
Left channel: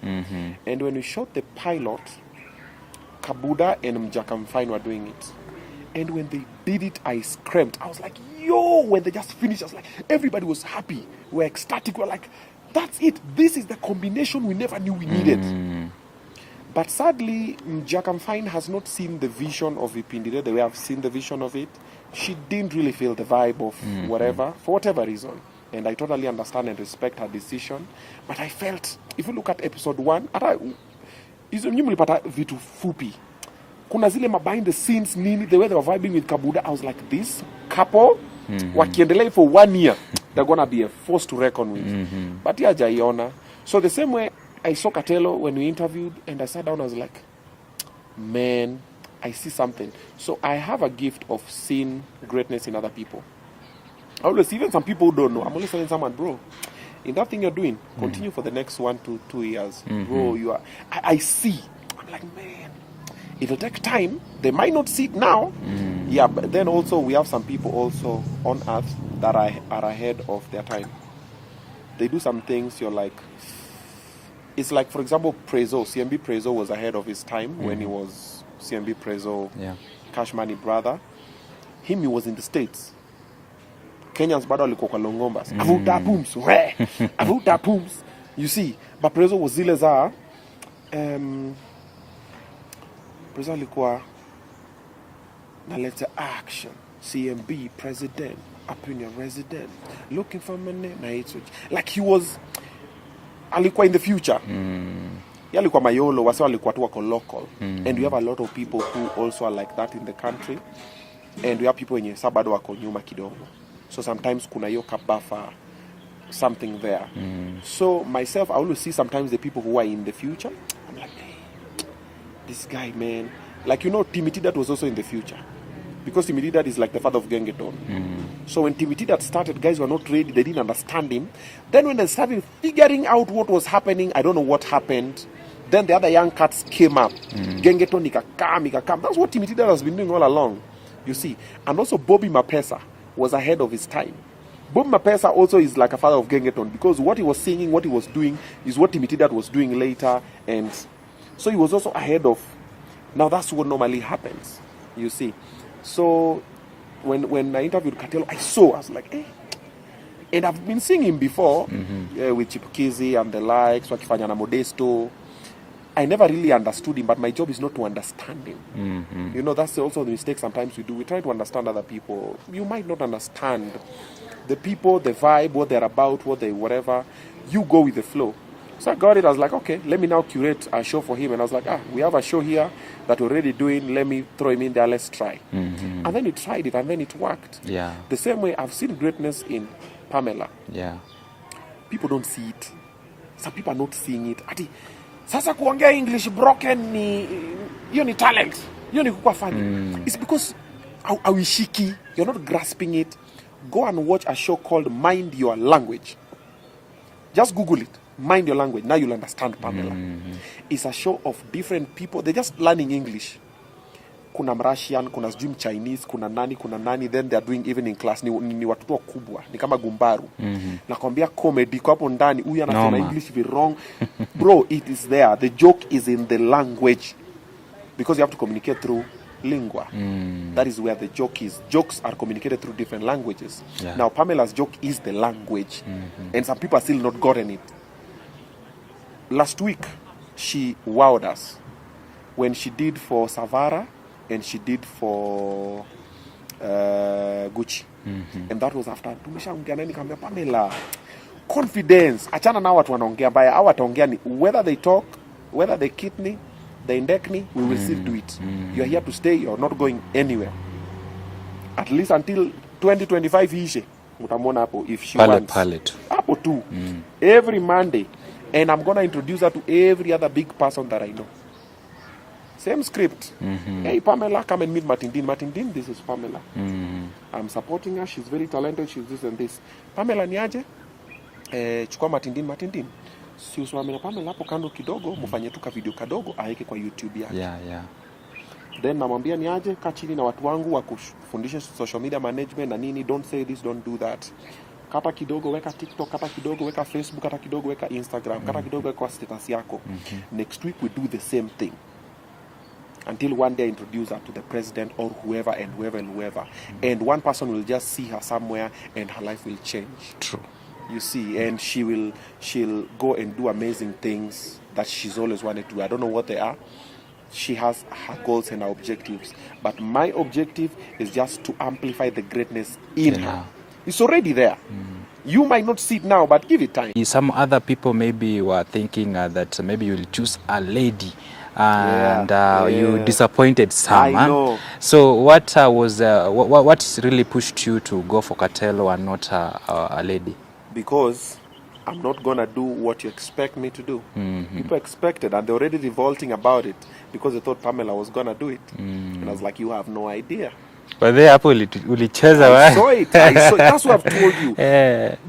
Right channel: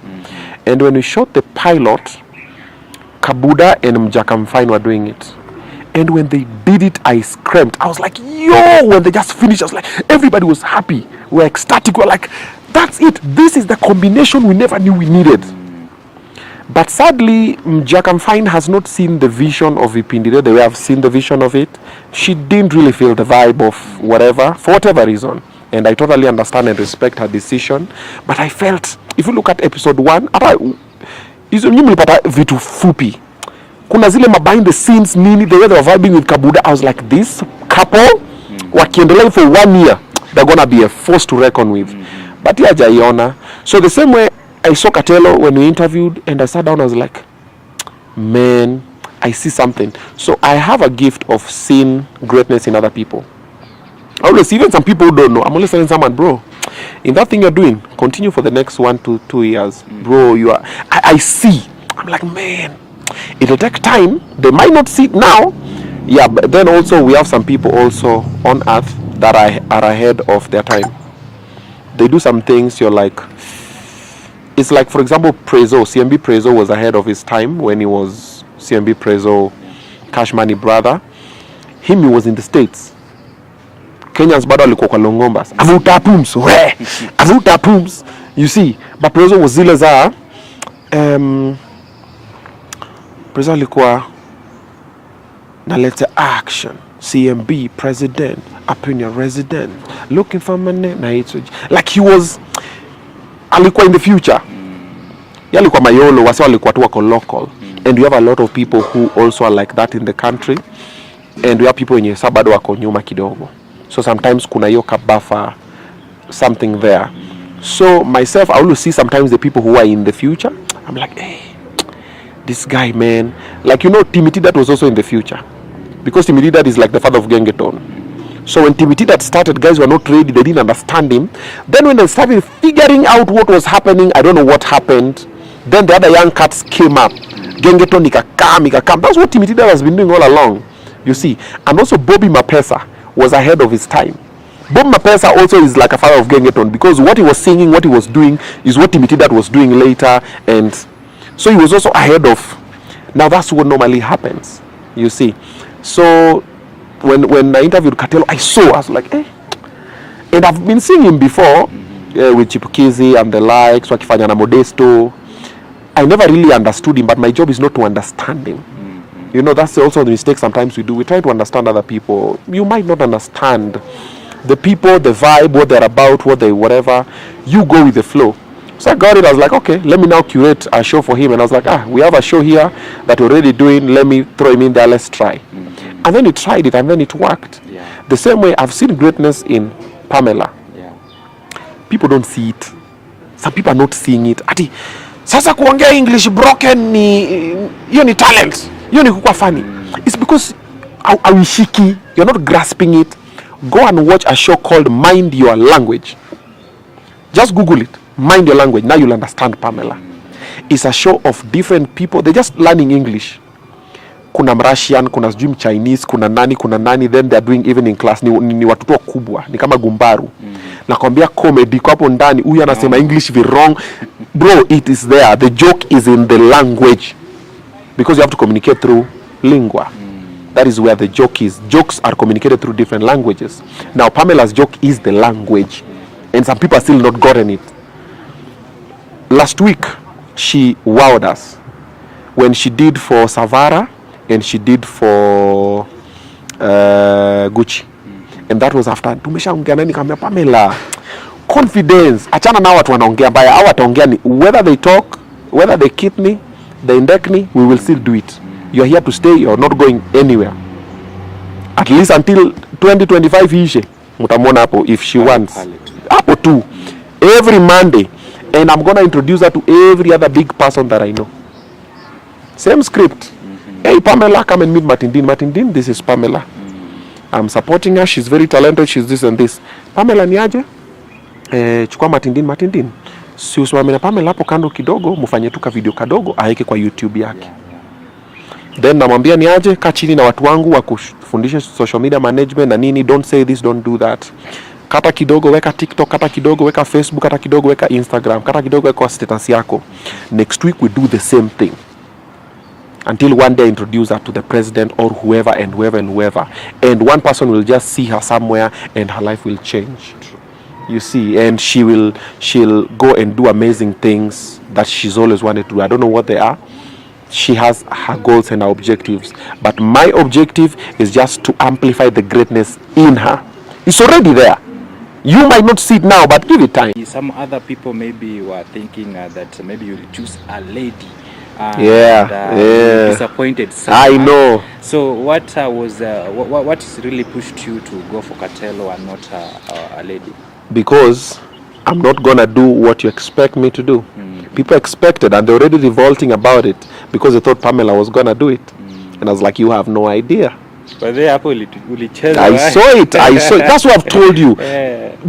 And when we shot the pilot, Kabuda and Mjakamfine were doing it. And when they did it, I screamed. I was like, yo, when they just finished, I was like, everybody was happy. We were ecstatic. We were like, that's it. This is the combination we never knew we needed. But sadly, Mjakamfine has not seen the vision of Vipindire the way I've seen the vision of it. She didn't really feel the vibe of whatever, for whatever reason. And I totally understand and respect her decision. But I felt, if you look at episode 1, hizo nyinyi mlipata vitu fupi. Kuna zile behind the scenes nini, the way they were vibing with Kabuda, I was like, this couple, wakiendelea for 1 year, they're gonna be a force to reckon with. But yeah, jaiona. So the same way I saw Katelo when we interviewed, and I sat down, I was like, man, I see something. So I have a gift of seeing greatness in other people. I always, even some people who don't know, I'm always telling someone, bro, in that thing you're doing, continue for the next 1 to 2 years. Bro, you are, I see. I'm like, man, it'll take time. They might not see it now. Yeah, but then also we have some people also on earth that are ahead of their time. They do some things you're like, it's like, for example, Prezo, CMB Prezo was ahead of his time when he was CMB Prezo, Cash Money brother. He was in the States. Kenyans bado alikuwa kwa Longombas. Avuta pums, we. Avuta pums. You see, but Prezo was zile za Prezo alikuwa na let's action. CMB president, up in your resident, looking for money. Like he was alikuwa in the future. Alikuwa mayolo, wasi alikuwa tu wako local. And we have a lot of people who also are like that in the country. And we have people wenye sabado wako nyuma kidogo. So sometimes kuna hiyo kabafa, something there. So myself, I always see sometimes the people who are in the future. I'm like, hey, this guy, man. Like, you know, Timothy was also in the future. Because Timothy is like the father of Gengeton. So when Timothy started, guys were not ready. They didn't understand him. Then when they started figuring out what was happening, I don't know what happened. Then the other young cats came up. Gengeton ikakam. That's what Timothy has been doing all along. You see. And also Bobby Mapesa was ahead of his time. Bob Mapesa also is like a father of Gengeton, because what he was singing, what he was doing is what Timothy was doing later. And so he was also ahead of. Now that's what normally happens. You see. So when I interviewed Katelo, I was like, eh. And I've been seeing him before with Chipukizi and the likes, wakifanya na Modesto. I never really understood him, but my job is not to understand him. You know, that's also the mistake sometimes we do. We try to understand other people. You might not understand the people, the vibe, what they're about, what they whatever. You go with the flow. So I got it. I was like, okay, let me now curate a show for him. And I was like, we have a show here that we're already doing. Let me throw him in there. Let's try. And then he tried it, and then it worked. Yeah. The same way I've seen greatness in Pamela. Yeah. People don't see it. Some people are not seeing it. Ati, sasa kuongea English broken hiyo ni talent. Hiyo ni kukua funny. It's because awishiki, you're not grasping it. Go and watch a show called Mind Your Language. Just Google it. Mind Your Language. Now you'll understand Pamela. It's a show of different people. They're just learning English. Kuna Russian, kuna sijui Chinese, kuna nani, then they're doing even in class. Ni watoto kubwa, ni kama gumbaru. Nakwambia comedy kwa hapo ndani, huyu anasema English wrong. Bro, it is there. The joke is in the language. Because you have to communicate through lingua. That is where the joke is. Jokes are communicated through different languages. Yeah. Now, Pamela's joke is the language. And some people are still not gotten it. Last week, she wowed us. When she did for Savara, and she did for Gucci. And that was after tumeshaongea nani kama Pamela. Confidence. Achana na watu wanaongea baya. Hao wataongea ni whether they talk, whether they keep me, they index me, we will still do it. You are here to stay, you are not going anywhere. At least until 2025 ishe. Mutamona hapo if she wants. Hapo too. Every Monday. And I'm going to introduce her to every other big person that I know. Same script. Hey Pamela, come and meet Matindin. Matindin, this is Pamela. I'm supporting her. She's very talented. She's this and this. Pamela ni aje? Chukua Matindin. Si usimame na Pamela hapo kando kidogo, mufanye tu ka video kadogo aeke kwa YouTube yake. Then namwambia ni aje, kaa chini na watu wangu wa kufundisha social media management na nini, don't say this, don't do that. Kata kidogo weka TikTok, kata kidogo weka Facebook, kata kidogo weka Instagram, kata kidogo weka status yako. Next week we do the same thing. Until one day I introduce her to the president or whoever and whoever and whoever. And one person will just see her somewhere and her life will change. True. You see, and she'll go and do amazing things that she's always wanted to do. I don't know what they are. She has her goals and her objectives. But my objective is just to amplify the greatness in her. It's already there. You might not see it now, but give it time. Some other people maybe were thinking that maybe you'll choose a lady. Disappointed someone. I know. So what what really pushed you to go for Katelo and not a lady? Because I'm not gonna do what you expect me to do. People expected, and they're already revolting about it because they thought Pamela was gonna do it. And I was like, you have no idea. But they hapo ulicheza. I saw it. That's what I've told you.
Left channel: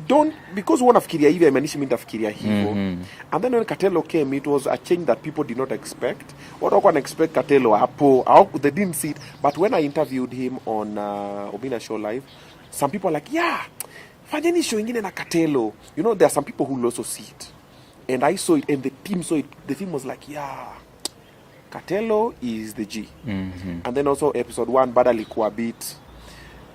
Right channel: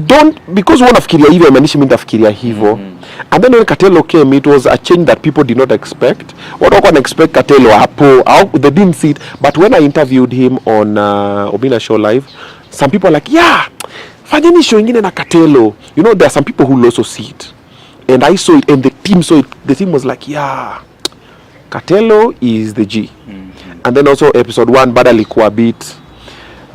Don't, because wanafikiria hivyo imanishi mimi ndafikiria hivyo. And then when Katelo came, it was a change that people did not expect. What wako expect Katelo hapo, they didn't see it. But when I interviewed him on Obinna show live, some people are like, yeah, fanyeni show ingine na Katelo. You know, there are some people who also see it. And I saw it, and the team saw it. The team was like, yeah, Katelo is the G. And then also episode 1 bada likuwa beat.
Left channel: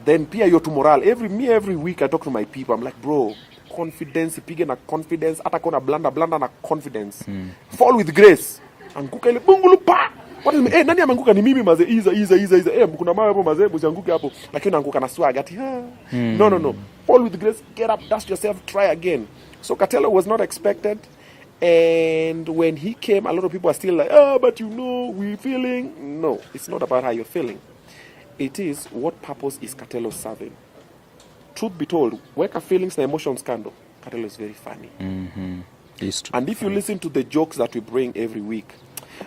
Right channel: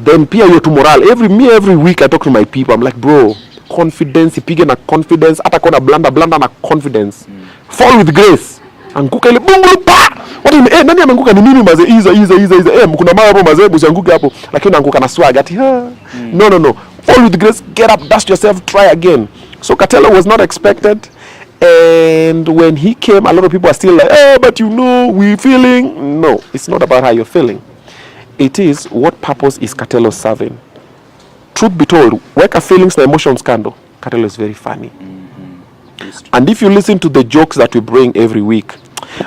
Then pia yo to morale. Every week I talk to my people. I'm like, bro, confidence, ipige na confidence. Hata kona blanda na confidence. Fall with grace. Anguka ile bungu pa. Nani ameanguka ni mimi maze iza. Kuna mara hapo maze usianguke hapo. Lakini unaanguka na swag ati no. Fall with grace, get up, dust yourself, try again. So Katelo was not expected. And when he came, a lot of people are still like, oh, but you know, we feeling. No, it's not about how you're feeling. It is what purpose is Katelo serving. Truth be told, weka feelings and emotions kando, Katelo is very funny. And if you listen to the jokes that we bring every week,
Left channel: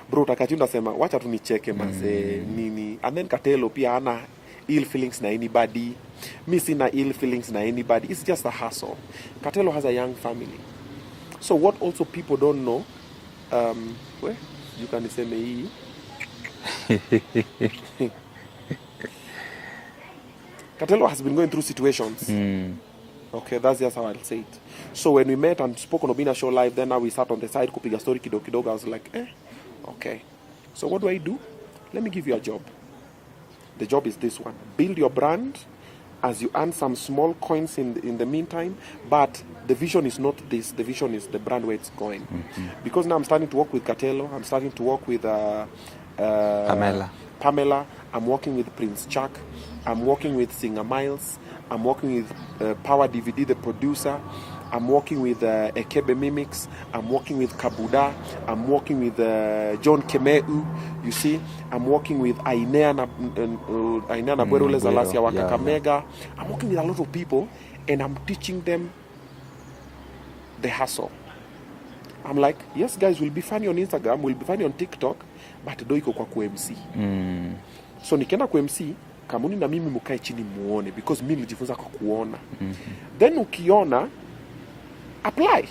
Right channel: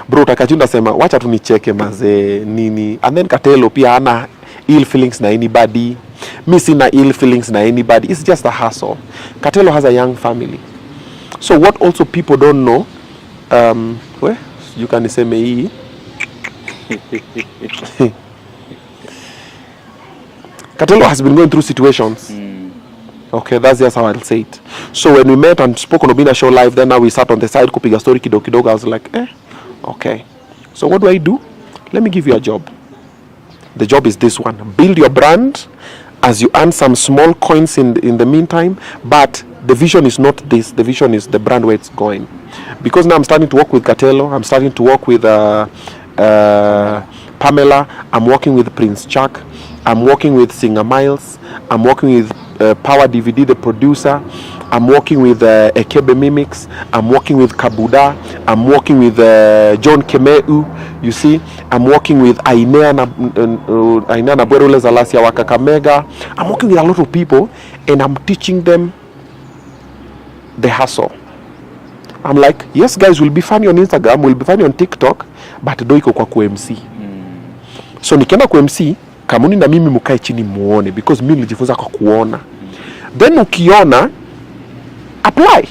bro, takachunda sema, wacha tunicheke maze nini. And then Katelo pia hana ill feelings na anybody. Mi sina ill feelings na anybody. It's just a hustle. Katelo has a young family. So what also people don't know, you can say me. Katelo has been going through situations. Okay, that's just how I'll say it. So when we met and spoke on Obinna show live, then now we sat on the side, kupiga story kidogo. I was like, okay. So what do? Let me give you a job. The job is this one. Build your brand as you earn some small coins in the meantime, but the vision is not this. The vision is the brand where it's going. Because now I'm starting to work with Katelo. I'm starting to work with Pamela. I'm working with Prince Chuck. I'm working with Singer Miles. I'm working with Power DVD, the producer. I'm working with Ekebe Mimics. I'm working with Kabuda. I'm working with John Kemeu. You see, I'm working with Ainea Nabuerule Zalasia wa Kakamega. I'm working with a lot of people, and I'm teaching them the hustle. I'm like, yes guys, we'll be funny on Instagram, we'll be funny on TikTok, but do iko kwa ku-MC. So nikienda ku-MC, kamuni na mimi mukae chini muone, because mimi nilijifunza kwa kuona. Then ukiona, apply.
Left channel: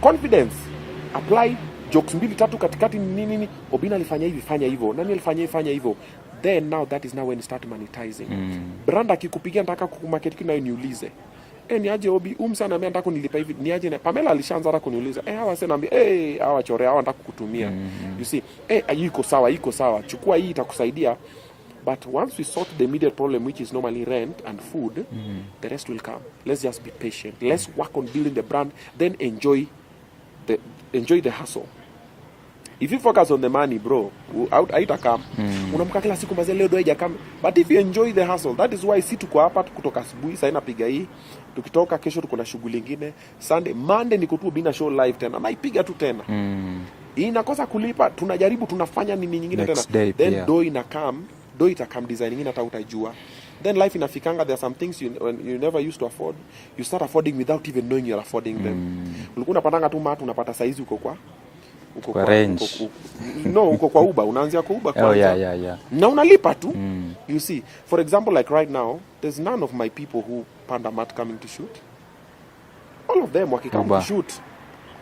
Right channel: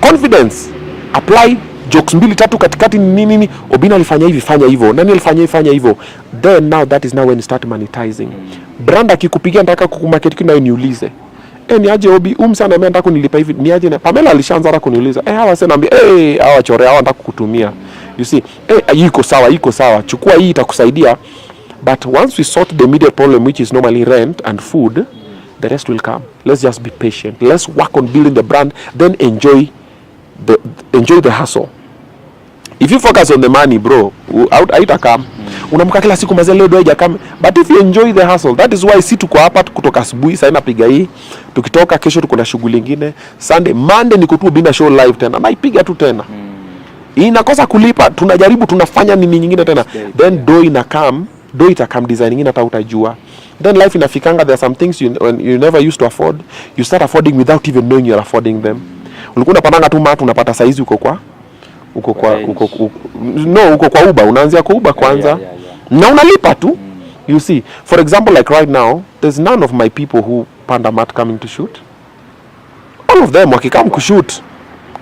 Confidence. Apply. Jokes 2-3 katikati nini. Obinna alifanya hivi, fanya hivyo. Nani alifanya hivi, fanya hivyo. Then now that is now when you start monetizing. Brand akikupigia nataka kukumarket kinayo niulize. Ni aje Obi, sana mimi nataka kunilipa hivi. Ni aje na Pamela alishaanza hata kuniuliza. Hawa sasa naambia, hawa chore hawa nataka kukutumia. You see, iko sawa. Chukua hii itakusaidia. But once we sort the immediate problem, which is normally rent and food, the rest will come. Let's just be patient. Let's work on building the brand, then enjoy the hustle. If you focus on the money, bro, haitakam. Unamka kila siku mazee leo doja kama. But if you enjoy the hustle, that is why si tuko hapa kutoka asubuhi sasa napiga hii. Tukitoka kesho tuko na shughuli nyingine. Sunday, Monday niko tu Obinna show live tena. Naipiga tu tena. Inakosa kulipa, tunajaribu tunafanya nini nyingine tena. Then do itakam design nyingine hata utajua. Then life inafikanga, there are some things you never used to afford. You start affording without even knowing you're affording them. Ulikuwa unapanga tu matu unapata saizi uko kwa Uber, unaanzia kwa Uber kwanza. Na unalipa tu. You see, for example, like right now, there's none of my people who panda mat coming to shoot. All of them wakikam kushoot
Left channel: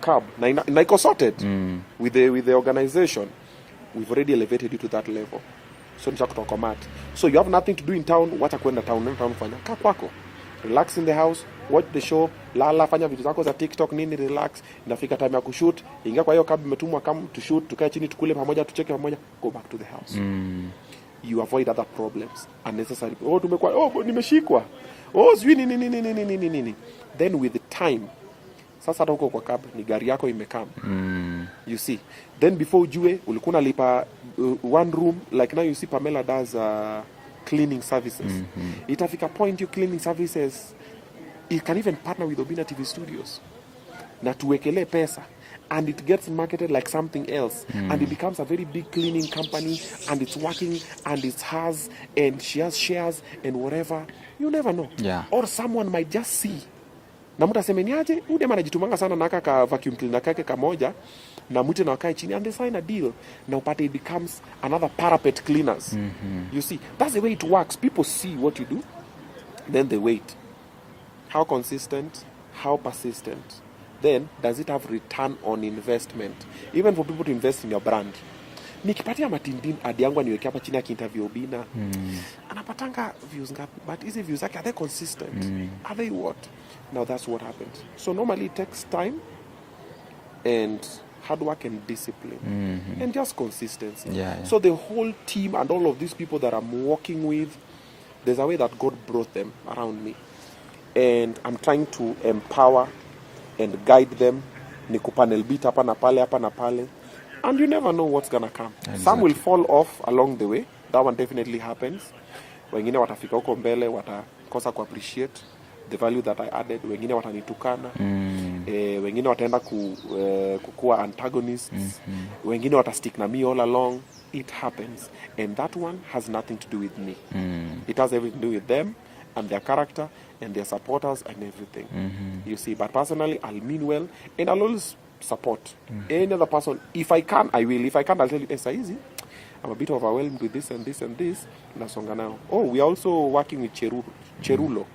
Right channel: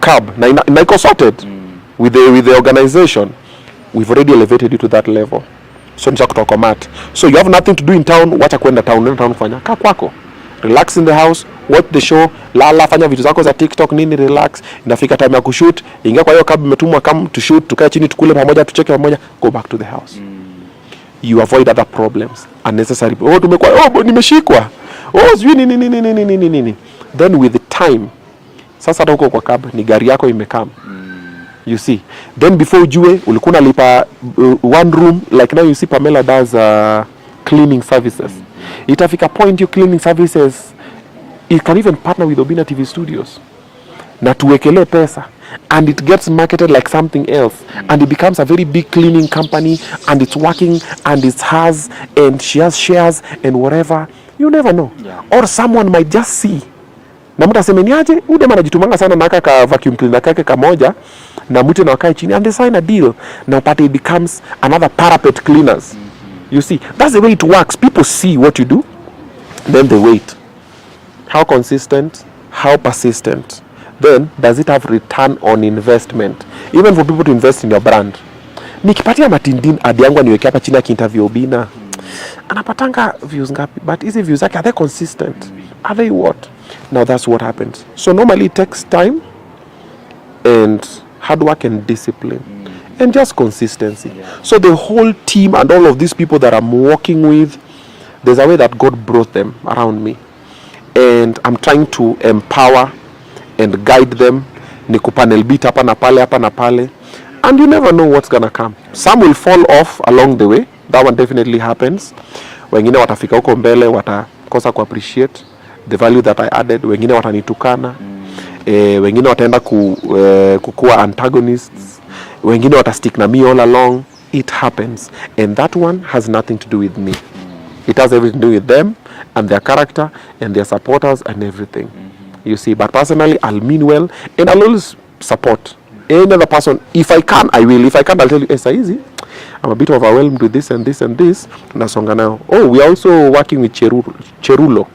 cab na iko sorted with the organization. we've already elevated you to that level. So nisha kutokomati. So you have nothing to do in town, wacha kwenda town, nenda town kufanya. Kaa kwako. Relax in the house, watch the show, lala, fanya vitu zako za TikTok nini, relax. Inafika time ya kushoot, ingia kwa hiyo cab umetumwa come to shoot, tukae chini tukule pamoja, tucheke pamoja, go back to the house. You avoid other problems, unnecessary. Oh, tumekuwa, oh, nimeshikwa. Oh, sijui nini. Then with the time, sasa hata huko kwa cab ni gari yako imekam. You see. Then before ujue ulikuwa unalipa one room, like now you see Pamela does cleaning services. Itafika point you cleaning services, it can even partner with Obinna TV Studios. Na tuwekele pesa, and it gets marketed like something else, and it becomes a very big cleaning company, and it's working, and it's hers, and she has shares and whatever. You never know. Yeah. Or someone might just see. Na mtu aseme niaje, ude anajitumanga sana na ka vacuum cleaner kake kamoja, na mtu na wakae chini and they sign a deal. Now party it becomes another parapet cleaners. You see, that's the way it works. People see what you do, then they wait. How consistent, how persistent. Then does it have return on investment? Even for people to invest in your brand. Nikipatia Matindin adi yangu niweke hapa chini akiinterview Obinna. Anapatanga views ngapi? But hizi views zake, are they consistent? Are they what? Now that's what happens. So normally it takes time and hard work and discipline. And just consistency. Yeah. So the whole team and all of these people that I'm working with, there's a way that God brought them around me. And I'm trying to empower and guide them. Niku panel beat hapa na pale. And you never know what's gonna come. Some will fall off along the way. That one definitely happens. Wengine watafika huko mbele, watakosa ku appreciate the value that I added. Wengine watanitukana. Wengine wataenda kukua antagonists. Wengine watastick na me all along. It happens. And that one has nothing to do with me. It has everything to do with them and their character and their supporters and everything. You see, but personally, I'll mean well and I'll always support any other person. If I can, I will. If I can't, I'll tell you, it's easy. I'm a bit overwhelmed with this and this and this. Tunasonga nayo. Oh, we are also working with Cherulo.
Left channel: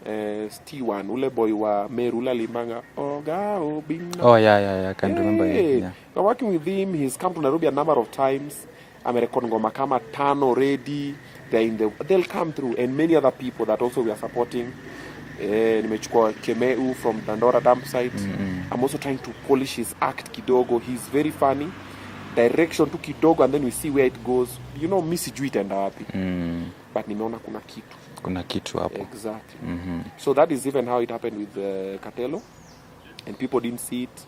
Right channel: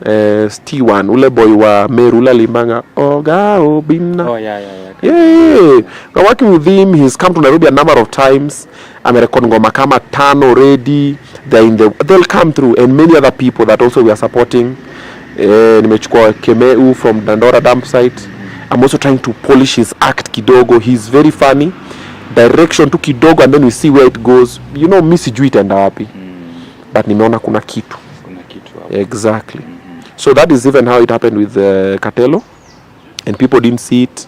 T1, ule boy wa Merula Limanga. Oga Obinna. Oh, yeah. Yeah. We're working with him. He's come to Nairobi a number of times. Amerekod ngoma kama 5 already. They'll come through, and many other people that also we are supporting. Nimechukua Kemeu from Dandora dump site. I'm also trying to polish his act kidogo. He's very funny. Direction to kidogo, and then we see where it goes. You know, mi sijui itaenda wapi. But nimeona kuna kitu. Exactly. So that is even how it happened with Katelo. And people didn't see it.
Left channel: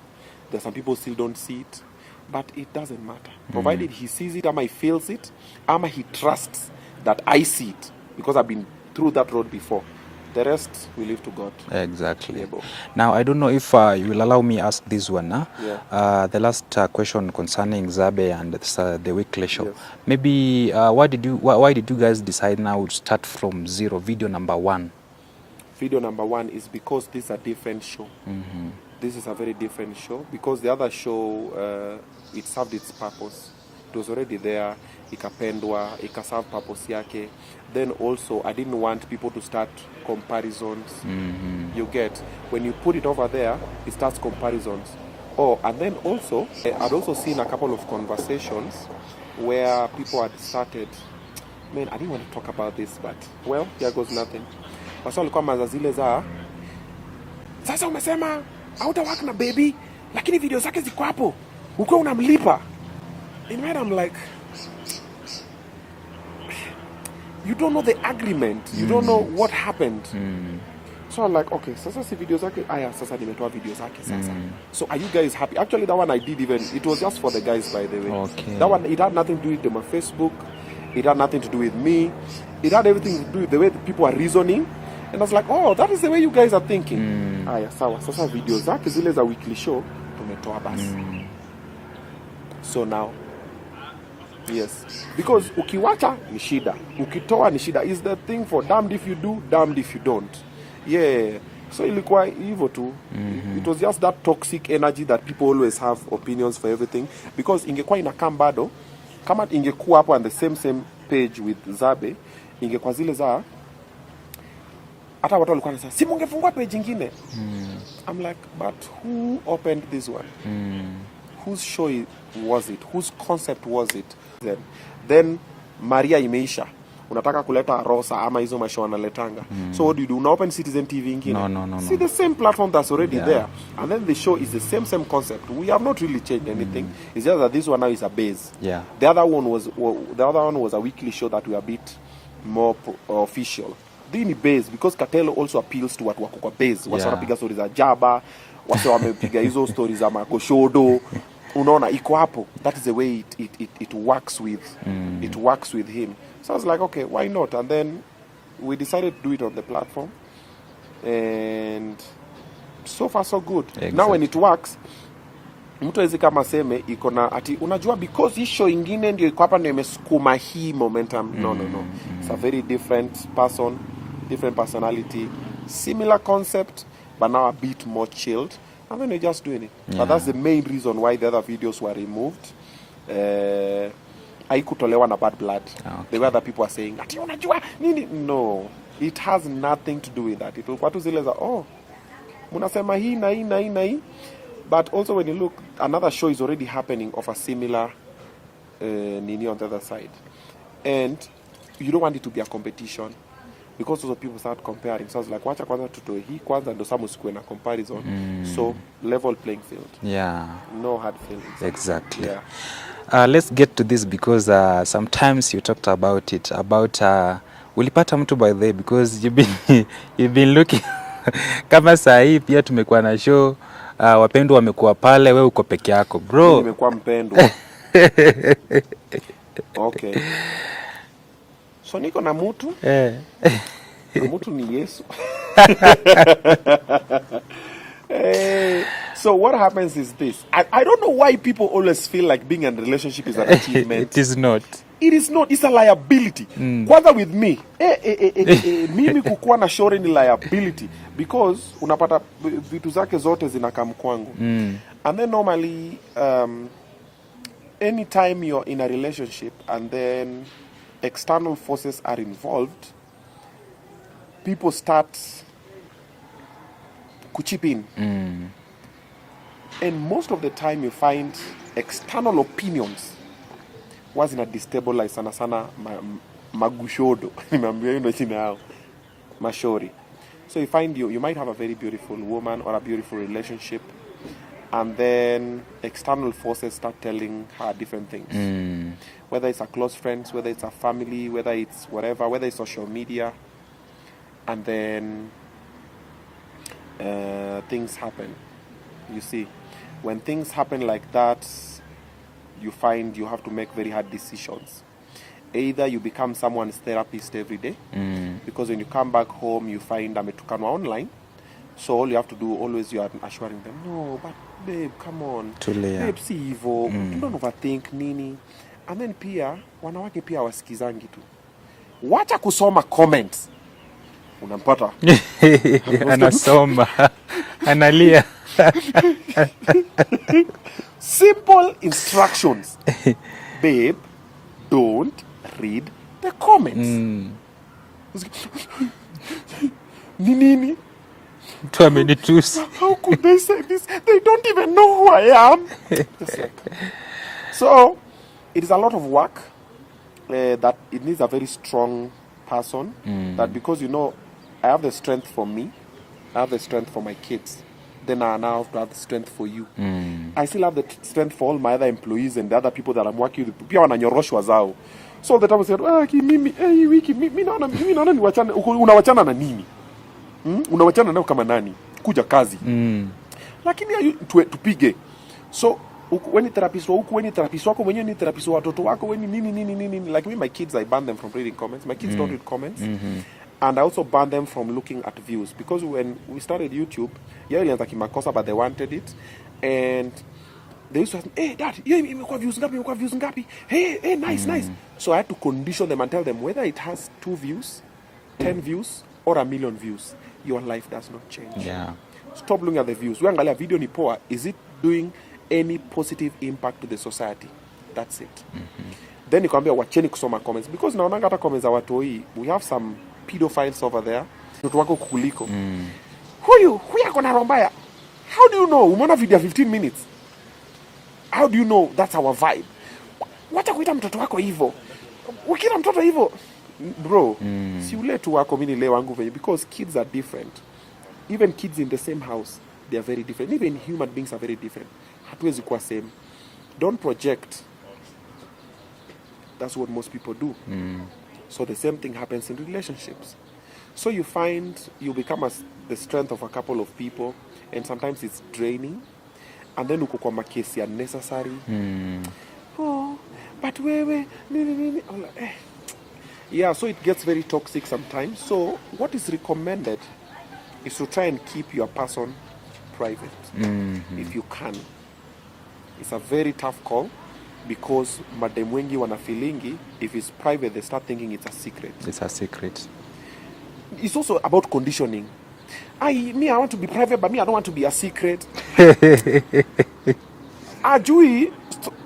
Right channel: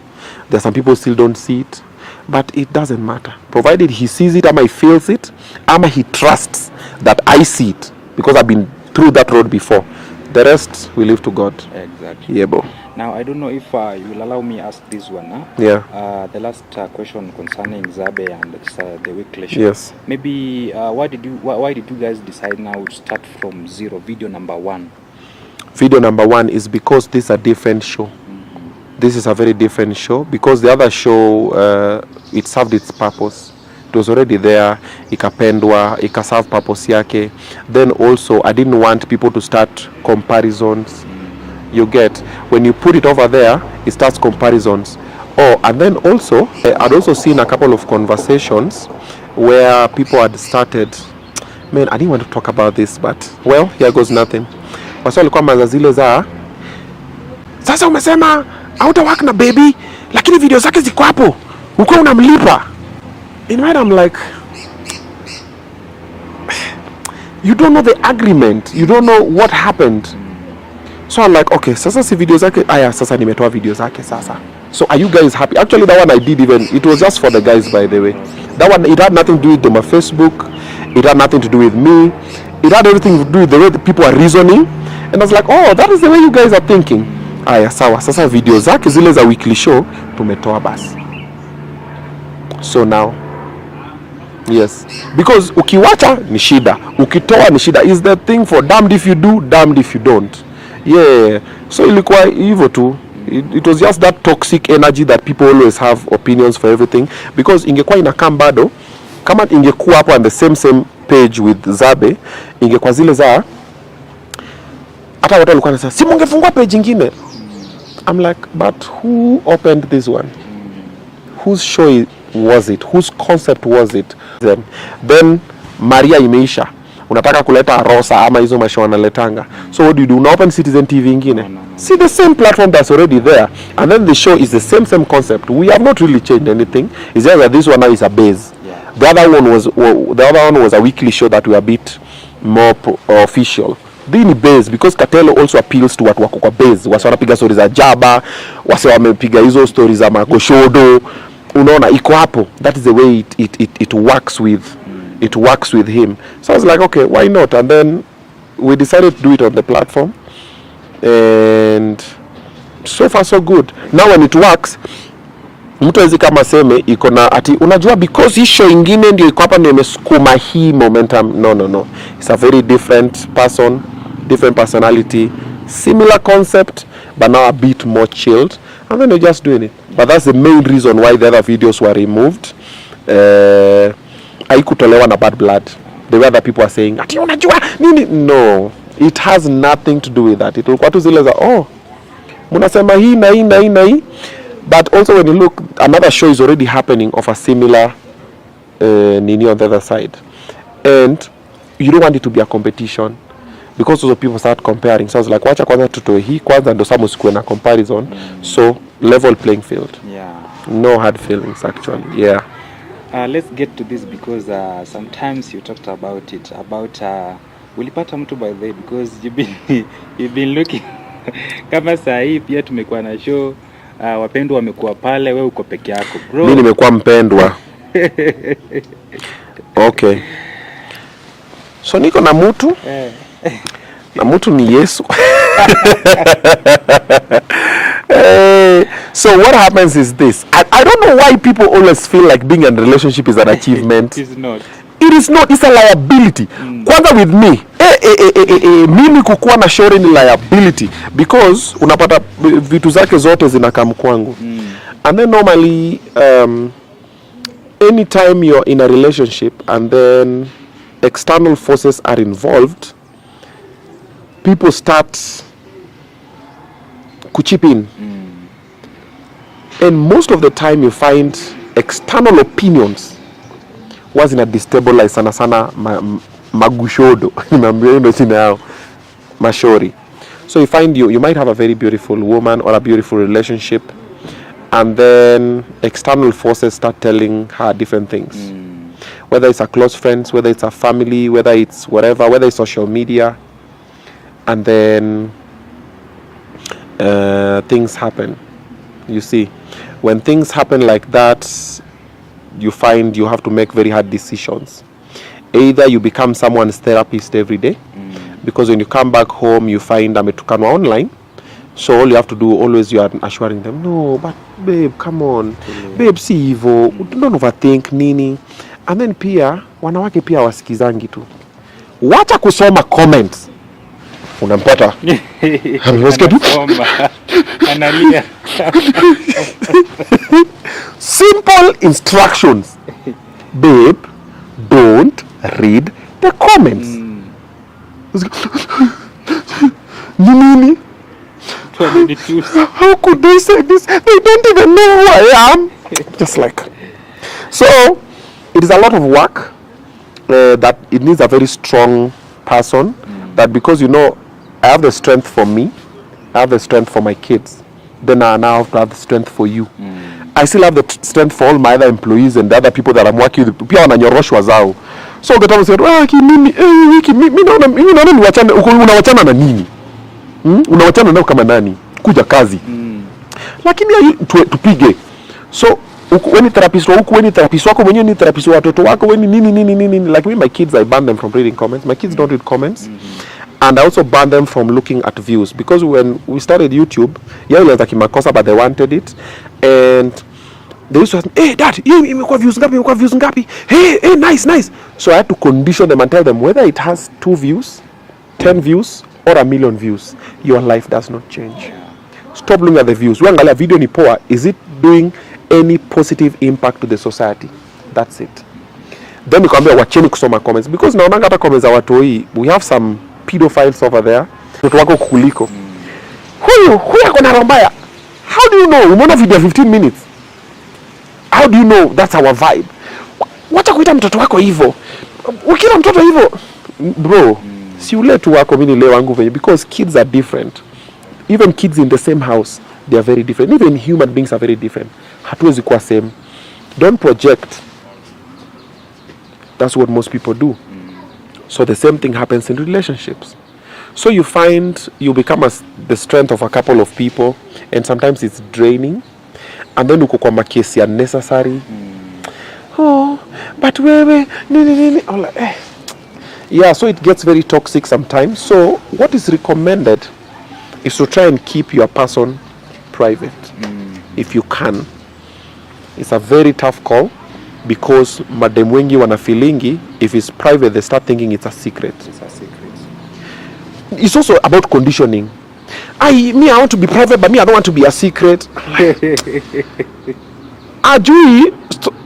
There's some people still don't see it. But it doesn't matter. Provided he sees it, ama he feels it, ama he trusts that I see it. Because I've been through that road before. The rest, we leave to God. Exactly. Yeah, bro. Now, I don't know if you will allow me ask this one. Yeah. The last question concerning Zabe and the weekly show. Yes. Maybe why did you guys decide now to start from zero, video number 1? Video number 1 is because this is a different show. This is a very different show because the other show, it served its purpose. It was already there, ikapendwa, ikaserve purpose yake. Then also, I didn't want people to start comparisons. You get, when you put it over there, it starts comparisons. Oh, and then also, I'd also seen a couple of conversations where people had started, man, I didn't want to talk about this, but, well, here goes nothing. Wasa walikuwa mazazile za, sasa umesema, hauta work na baby, lakini video zake ziko hapo, uko unamlipa. In mind, I'm like, you don't know the agreement. You don't know what happened. So I'm like, okay, sasa si video zake. Aya, sasa nimetoa video zake sasa. So are you guys happy? Actually, that one I did even. It was just for the guys, by the way. Okay. That one, it had nothing to do with my Facebook. It had nothing to do with me. It had everything to do with the way the people are reasoning. And I was like, oh, that is the way you guys are thinking. Aya, sawa. Sasa video zake zile za weekly show, tumetoa basi. So now, yes, because ukiwacha ni shida, ukitoa ni shida. Is the thing for damned if you do, damned if you don't. Yeah, so ilikuwa hivyo tu. It was just that toxic energy that people always have opinions for everything. Because ingekuwa inakam bado, kama ingekuwa hapo on the same page with Zabe, ingekuwa zile za hata watu walikuwa wanasema si mungefungua page ingine. I'm like, but who opened this one? Whose show was it? Whose concept was it? Then Maria imeisha, unataka kuleta Rosa ama hizo masho wanaletanga. So what do? Una open Citizen TV ingine? No. See the same platform that's already there, and then the show is the same concept. We have not really changed anything. It's just that this one now is a base. Yeah. The other one was a weekly show that we a bit more official. Being base because Katelo also appeals to watu wako kwa base. Wase wanapiga stories za Jaba, wase wamepiga hizo stories za Makoshodo. Unaona iko hapo. That is the way it works with it works with him. So I was like, okay, why not? And then we decided to do it on the platform, and so far so good. Now when it works, mtu hawezi kama seme iko na ati unajua because hii show ingine ndio iko hapa ndio imesukuma hii momentum. No. It's a very different person, different personality, similar concept, but now a bit more chilled, and then you're just doing it. But that's the main reason why the other videos were removed. Haikutolewa na bad blood. The way that people are saying ati unajua nini, no, it has nothing to do with that. Ilikuwa tu zile za mnasema hii na hii. But also when you look, another show is already happening of a similar nini on the other side, and you don't want it to be a competition because those people start comparing. So I was like, wacha kwanza tutoe hii kwanza ndo samu sikuwe na comparison. So level playing field. Yeah. No hard feelings actually. Yeah. Let's get to this because sometimes you talked about it about ulipata mtu by the way because you've been looking kama saa hii pia tumekuwa na show wapendwa wamekuwa pale, wewe uko peke yako bro. Mimi nimekuwa mpendwa. Okay. So niko na mtu na mtu ni Yesu. So what happens is this. I don't know why people always feel like being in a relationship is an achievement. It is not. It is not. It's a liability. Kwanza with me. Mimi kukuwa na shauri ni liability because unapata vitu zake zote zinakam kwangu. And then normally anytime you're in a relationship and then external forces are involved, people start kuchip in. And most of the time you find external opinions was in a destabilize sana magushodo. Mashori. So you find you might have a very beautiful woman or a beautiful relationship, and then external forces start telling her different things. Whether it's a close friends, whether it's a family, whether it's whatever, whether it's social media, and then things happen. You see, when things happen like that, you find you have to make very hard decisions. Either you become someone's therapist every day, because when you come back home, you find ametukanwa online. So all you have to do always, you are assuring them, no, but babe, come on, babe, si hivyo, don't overthink nini. And then pia wanawake pia wasikizangi tu. Wacha kusoma comments. Unampata. Anasoma. Analia. Simple instructions. Babe, don't read the comments. Nini? How could they say this? They don't even know who I am. Just like. So, it is a lot of work that it needs a very strong person. That because, you know, I have the strength for me, I have the strength for my kids, then I now have to have the strength for you. I still have the strength for all my other employees and the other people that I'm working with. Pia wananyoroshwa zao. So the time said, mimi naona niwachane, unawachana na nini? Unawachana nao kama nani? Kuja kazi. Lakini tupige. So when therapist wako, when therapist wako mwenyewe ni therapist wa watoto wako, when nini. Like me, my kids, I ban them from reading comments. My kids don't read comments. And I also ban them from looking at views, because when we started YouTube, yeah, it was like makosa, but they wanted it, and they used to ask, hey dad, imekuwa views ngapi? Hey, nice. So I had to condition them and tell them whether it has 2 views, 10 views, or 1 million views, your life does not change. Yeah. Stop looking at the views. Uangalia video ni poa, is it doing any positive impact to the society? That's it. Then nikwambia wacheni kusoma comments, because naonanga hata comments za watu hii, we have some pedophiles over there. Mtoto wako kukuliko. Huyu ako na roho mbaya. How do you know? Umeona video 15 minutes. How do you know that's our vibe? Wacha kuita mtoto wako hivyo. Ukila mtoto hivyo, bro, si ule tu wako mimi leo wangu venye, because kids are different. Even kids in the same house, they are very different. Even human beings are very different. Hatuwezi kuwa same. Don't project. That's what most people do. So the same thing happens in relationships. So you find you become the strength of a couple of people, and sometimes it's draining. And then uko kwa makesi unnecessary. Oh, but wewe nini. Yeah, so it gets very toxic sometimes. So what is recommended is to try and keep your person private if you can. It's a very tough call, because madem wengi wana feelingi if it's private they start thinking it's a secret. It's a secret. It's also about conditioning. I want to be private, but I don't want to be a secret. Ajui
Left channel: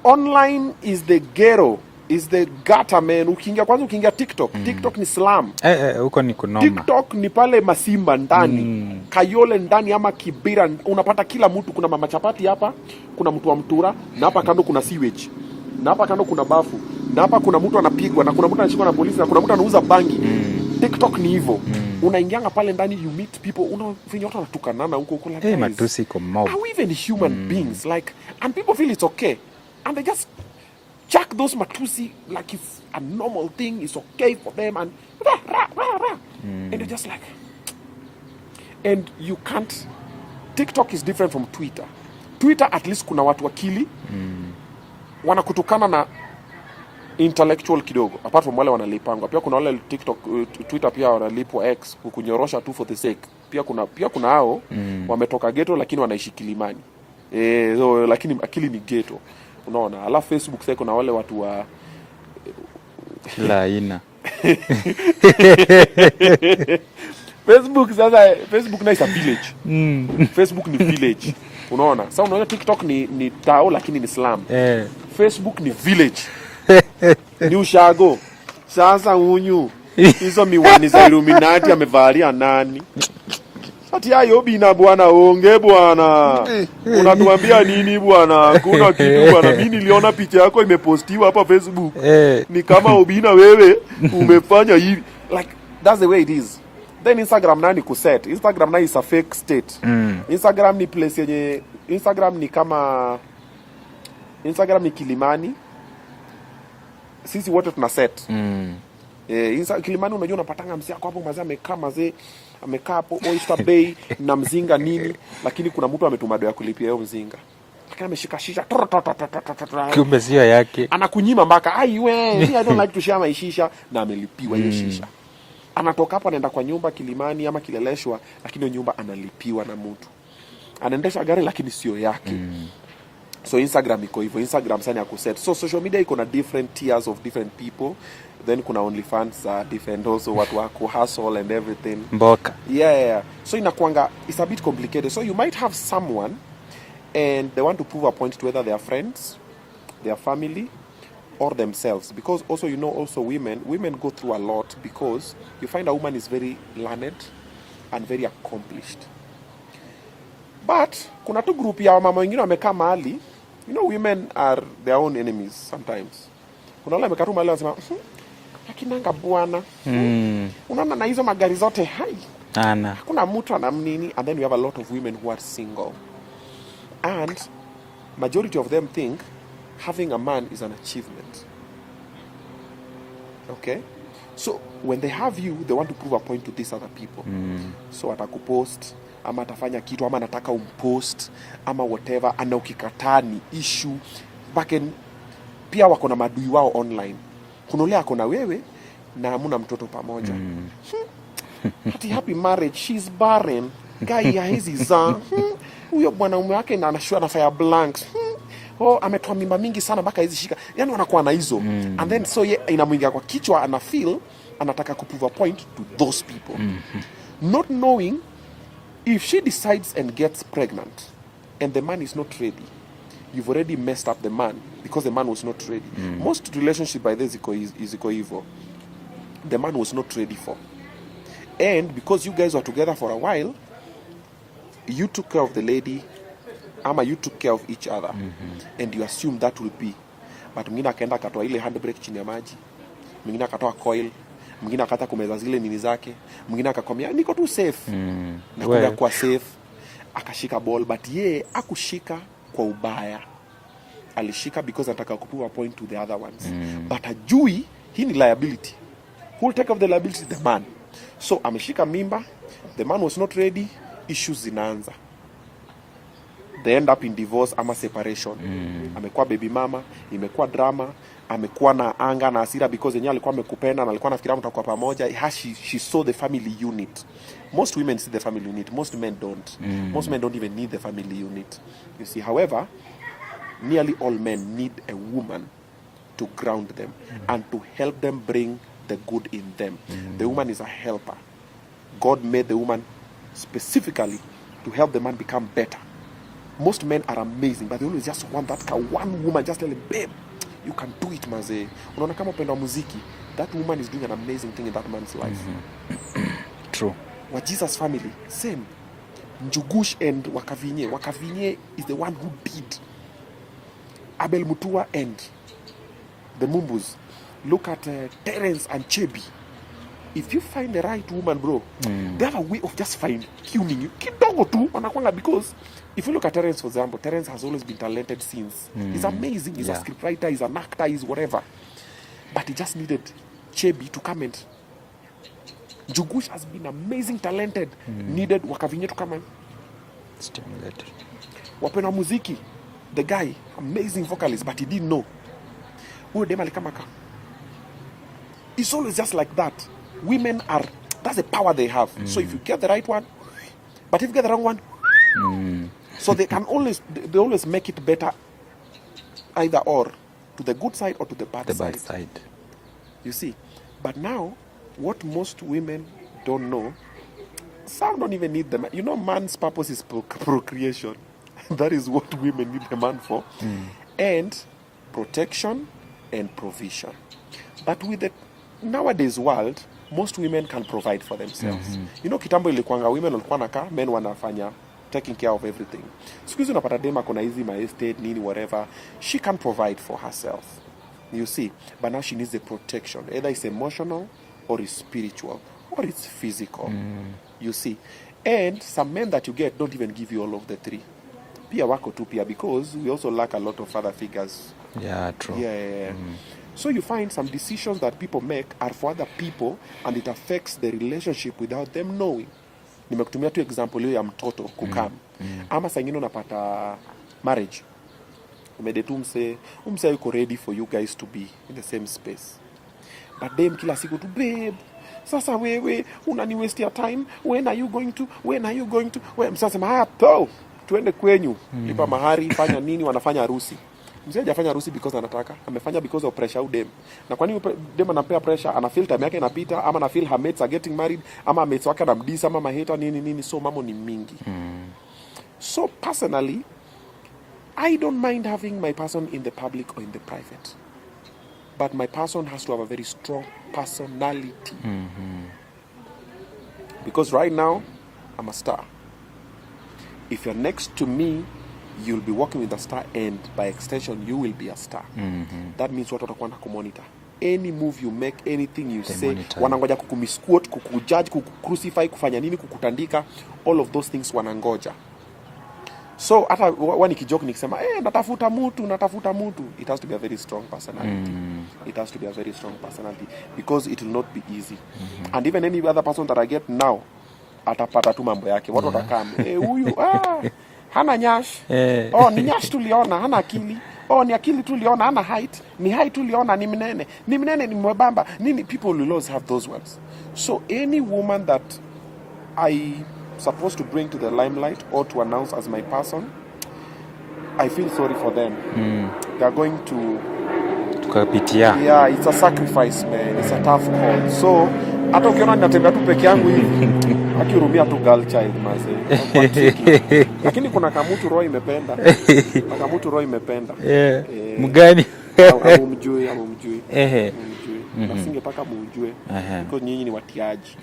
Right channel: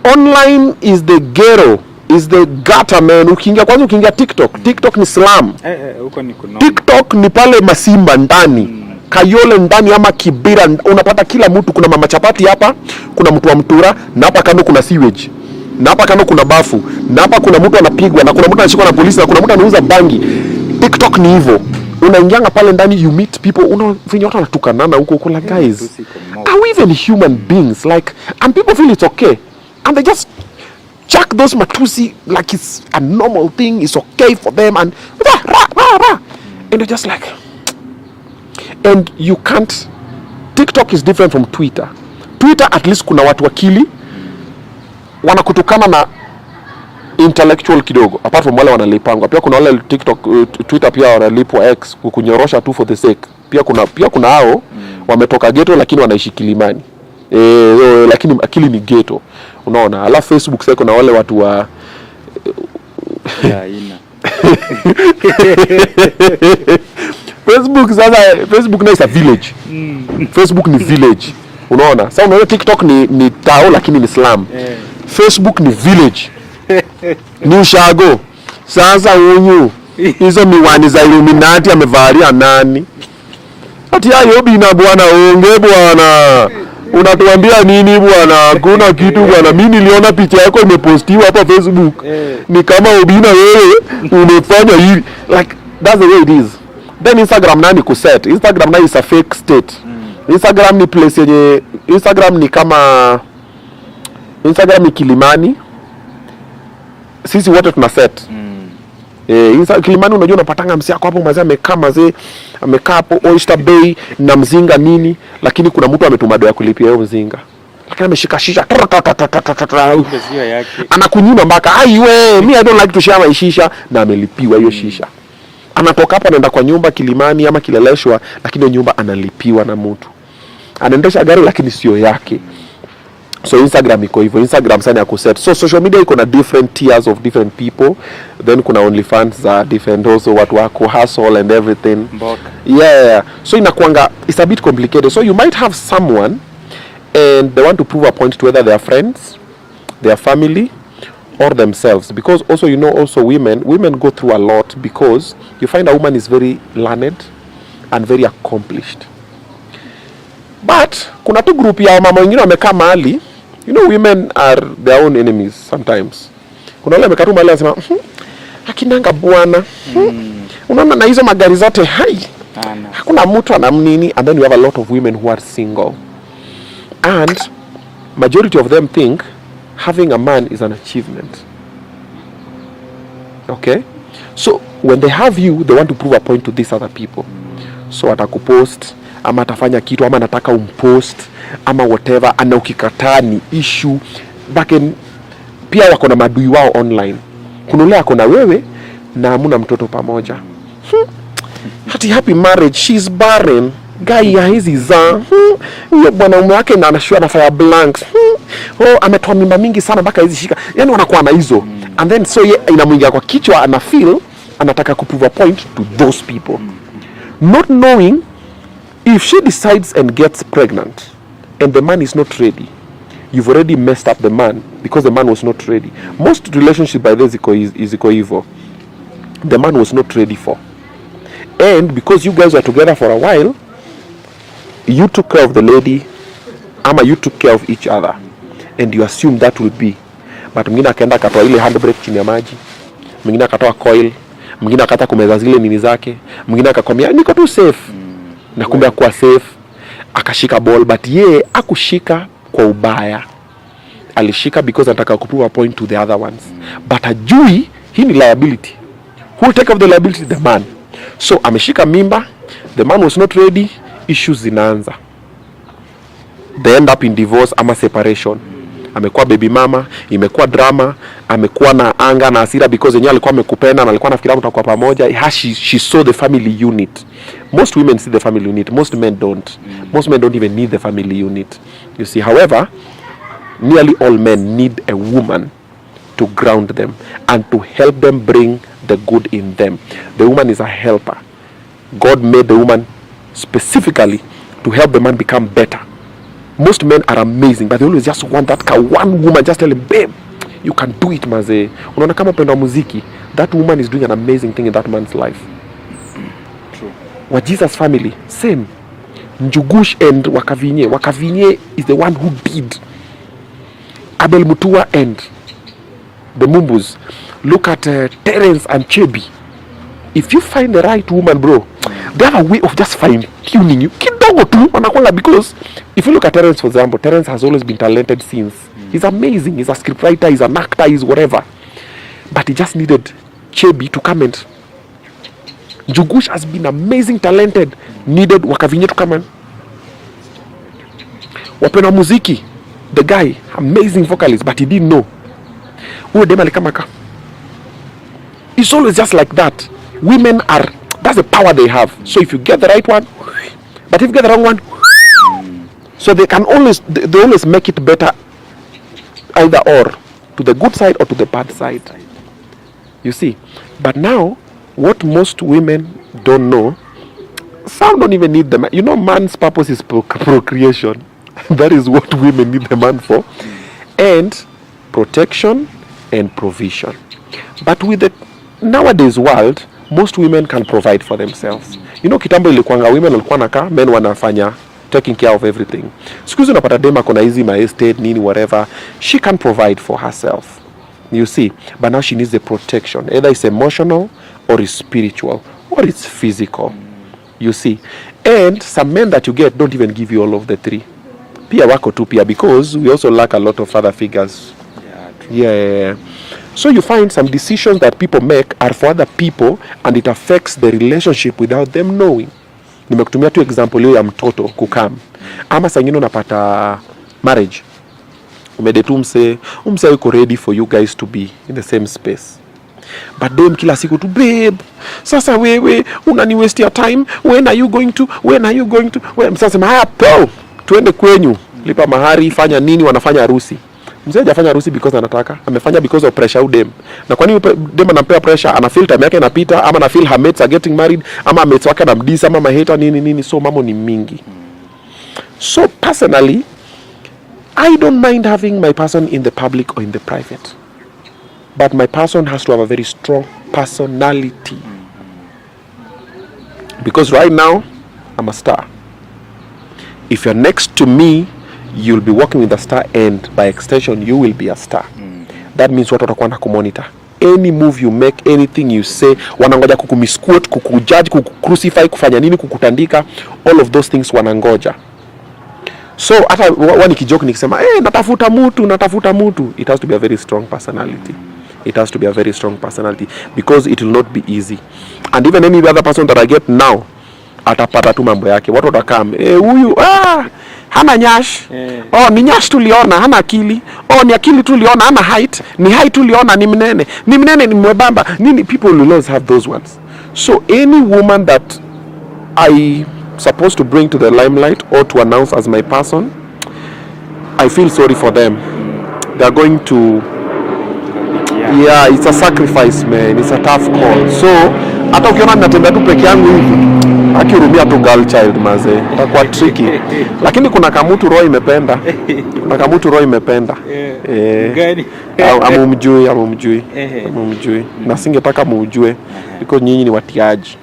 online is the ghetto, is the gutter, man. Ukiingia TikTok ni slam. Huko ni kunoma. TikTok ni pale Masimba ndani. Kayole ndani ama Kibira, unapata kila mtu. Kuna mama chapati hapa, kuna mtu wa mtura, na hapa kando kuna sewage, na hapa kando kuna bafu, na hapa kuna mtu anapigwa, na kuna mtu anashikwa na polisi, na kuna mtu anauza bangi. TikTok ni hivyo. Unaingianga pale ndani, you meet people, unafinya watu wanatukanana huko. Kuna guys, are we even human beings? Like, and people feel it's okay, and they just chuck those matusi like it's a normal thing, it's okay for them, and and they're just like, and you can't. TikTok is different from Twitter. Twitter at least kuna watu akili wanakutukana na intellectual kidogo, apart from wale wanalipangwa. Pia kuna wale TikTok, Twitter pia wanalipwa X kunyorosha tu for the sake. Pia kuna hao wametoka ghetto lakini wanaishi Kilimani. Lakini akili ni ghetto. Unaona? Alafu Facebook sasa kuna wale watu wa ina. Facebook na is a village. Facebook ni village. Unaona? Sasa unaona TikTok ni tao lakini ni slum. Facebook ni village. Ni ushago. Sasa unyu hizo miwani za Illuminati amevalia nani? Ati hayo Obinna bwana, onge bwana. Unatuambia nini bwana? Hakuna kitu bwana. Mimi niliona picha yako imepostiwa hapa Facebook. Ni kama Obinna wewe umefanya hivi. Like that's the way it is. Then Instagram nani kuset. Instagram nani is a fake state. Instagram ni place yenye, Instagram ni kama, Instagram ni Kilimani. Sisi wote tuna set. Kilimani unajua unapatanga msi yako hapo mazee amekaa hapo Oyster Bay na mzinga nini, lakini kuna mtu ametuma doa kulipia hiyo mzinga. Lakini ameshika shisha. Anakunyima mpaka aiwe, me I don't like to share my shisha, na amelipiwa hiyo shisha. Anatoka hapo anaenda kwa nyumba Kilimani ama Kileleshwa, lakini nyumba analipiwa na mtu. Anaendesha gari lakini sio yake. So Instagram iko hivyo. Instagram sana ya kuset. So social media iko na different tiers of different people. Then kuna OnlyFans za different also, watu wako hustle and everything. Mboka. Yeah. So inakuanga, it's a bit complicated. So you might have someone and they want to prove a point to whether they are friends, their family, or themselves. Because also, you know, also women go through a lot, because you find a woman is very learned and very accomplished. But kuna tu group ya mama wengine wamekaa mahali. You know, women are their own enemies sometimes. Kuna wale wamekaa tu mahali wanasema, akinanga bwana. Unaona na hizo magari zote hai. Hakuna mtu anamnini. And then you have a lot of women who are single. And majority of them think having a man is an achievement. Okay? So when they have you, they want to prove a point to these other people. So atakupost, ama atafanya kitu, ama nataka umpost, ama whatever, ana ukikataa ni issue. Pia wako na madui wao online. Kuna ule ako na wewe na hamuna mtoto pamoja. Hati happy marriage, she's barren. Guy ya hizi za huyo bwanaume wake na anashua na fire blanks. Ametoa mimba mingi sana mpaka hizi shika. Yaani wanakuwa na hizo. And then so inamuingia kwa kichwa, ana feel anataka kuprove a point to those people. Not knowing if she decides and gets pregnant and the man is not ready, you've already messed up the man, because the man was not ready. Most relationships by this is evil. The man was not ready for. And because you guys were together for a while, you took care of the lady, ama you took care of each other. and you assume that will be, but mwingine akaenda akatoa ile handbrake chini ya maji, mwingine akatoa coil, mwingine akata kumeza zile nini zake, mwingine akakwambia niko tu safe, na kumbe kwa safe, akashika ball, but ye akushika kwa ubaya, alishika because anataka kuprove a point to the other ones, but ajui hii ni liability. Who will take up the liability? The man. So ameshika mimba, the man was not ready, issues zinaanza, they end up in divorce ama separation. Amekuwa baby mama, imekuwa drama, amekuwa na anga na hasira because yenyewe alikuwa amekupenda na alikuwa anafikiria mtakuwa pamoja. She saw the family unit. Most women see the family unit, most men don't. Most men don't even need the family unit, you see. However, nearly all men need a woman to ground them and to help them bring the good in them. The woman is a helper. God made the woman specifically to help the man become better. Most men are amazing, but they always just want that one woman, just tell him, babe, you can do it, maze. Unaona kama upendo wa muziki, that woman is doing an amazing thing in that man's life. True. What Jesus family, same. Njugush and Wakavinye. Wakavinye is the one who did. Abel Mutua and the Mumbus. Look at Terence and Chebi. If you find the right woman, bro, they have a way of just fine-tuning you. Kidogo tu, wanakwanga, because if you look at Terence, for example, Terence has always been talented since. He's amazing. He's a scriptwriter, he's an actor, he's whatever. But he just needed Chebi to come and... Njugush has been amazing, talented. Needed Wakavinye to come and... Wapenda muziki, the guy, amazing vocalist, but he didn't know. Uwe dema likamaka. It's always just like that. Women are, that's the power they have. So if you get the right one, but if you get the wrong one, so they can always, they always make it better, either or, to the good side or to the bad side. You see. But now, what most women don't know, some don't even need the man. You know, man's purpose is procreation. That is what women need the man for. And protection and provision. But with the nowadays world, most women can provide for themselves. You know, kitambo ilikuanga women walikuwa nakaa, men wanafanya taking care of everything. Siku hizi unapata dema kona hizi my estate nini whatever, she can provide for herself. You see, but now she needs the protection. Either it's emotional or it's spiritual or it's physical. You see. And some men that you get don't even give you all of the three. Pia wako tu pia, because we also lack a lot of other figures. Yeah, true. Yeah. So you find some decisions that people make are for other people and it affects the relationship without them knowing. Nimekutumia tu example hiyo ya mtoto kukam. Ama saa nyingine unapata marriage. Umedetu umse yuko ready for you guys to be in the same space. But dem kila siku tu, babe, sasa wewe unani waste your time, when are you going to? Sasa haya po, tuende kwenyu, lipa mahari, fanya nini, wanafanya harusi. Mzee hajafanya harusi because anataka, amefanya because of pressure dem. Na kwa nini dem anampea pressure? Ana feel time yake inapita, ama ana feel her mates are getting married, ama mates wake anamdisa, ama maheta nini, so mambo ni mingi. So personally, I don't mind having my person in the public or in the private. But my person has to have a very strong personality. Because right now, I'm a star. If you're next to me, you'll be working with a star, and by extension, you will be a star. That means watu watakuwa na kumonitor. Any move you make, anything you say, wanangoja kukumisquote, kukujudge, kukucrucify, kufanya nini, kukutandika, all of those things wanangoja. So hata wani kijoke nikisema, natafuta mutu, it has to be a very strong personality. It has to be a very strong personality, because it will not be easy. And even any other person that I get now, atapata tu mambo yake. Watu watakam, huyu hana nyash. Ni nyash tuliona, hana akili. Ni akili tuliona, hana height. Ni height tuliona, ni mnene. Ni mwebamba. People will always have those ones. So any woman that I supposed to bring to the limelight or to announce as my person, I feel sorry for them. They are going to... Yeah, it's a sacrifice, man. It's a tough call. So hata ukiona natembea tu peke yangu hivi, Akihurumia tu girl child maze. Kwa tricky. Lakini kuna kamutu roho imependa. Kuna kamutu roho imependa. Gani? Amumjui. Na singetaka muujue. Because nyinyi ni watiaji.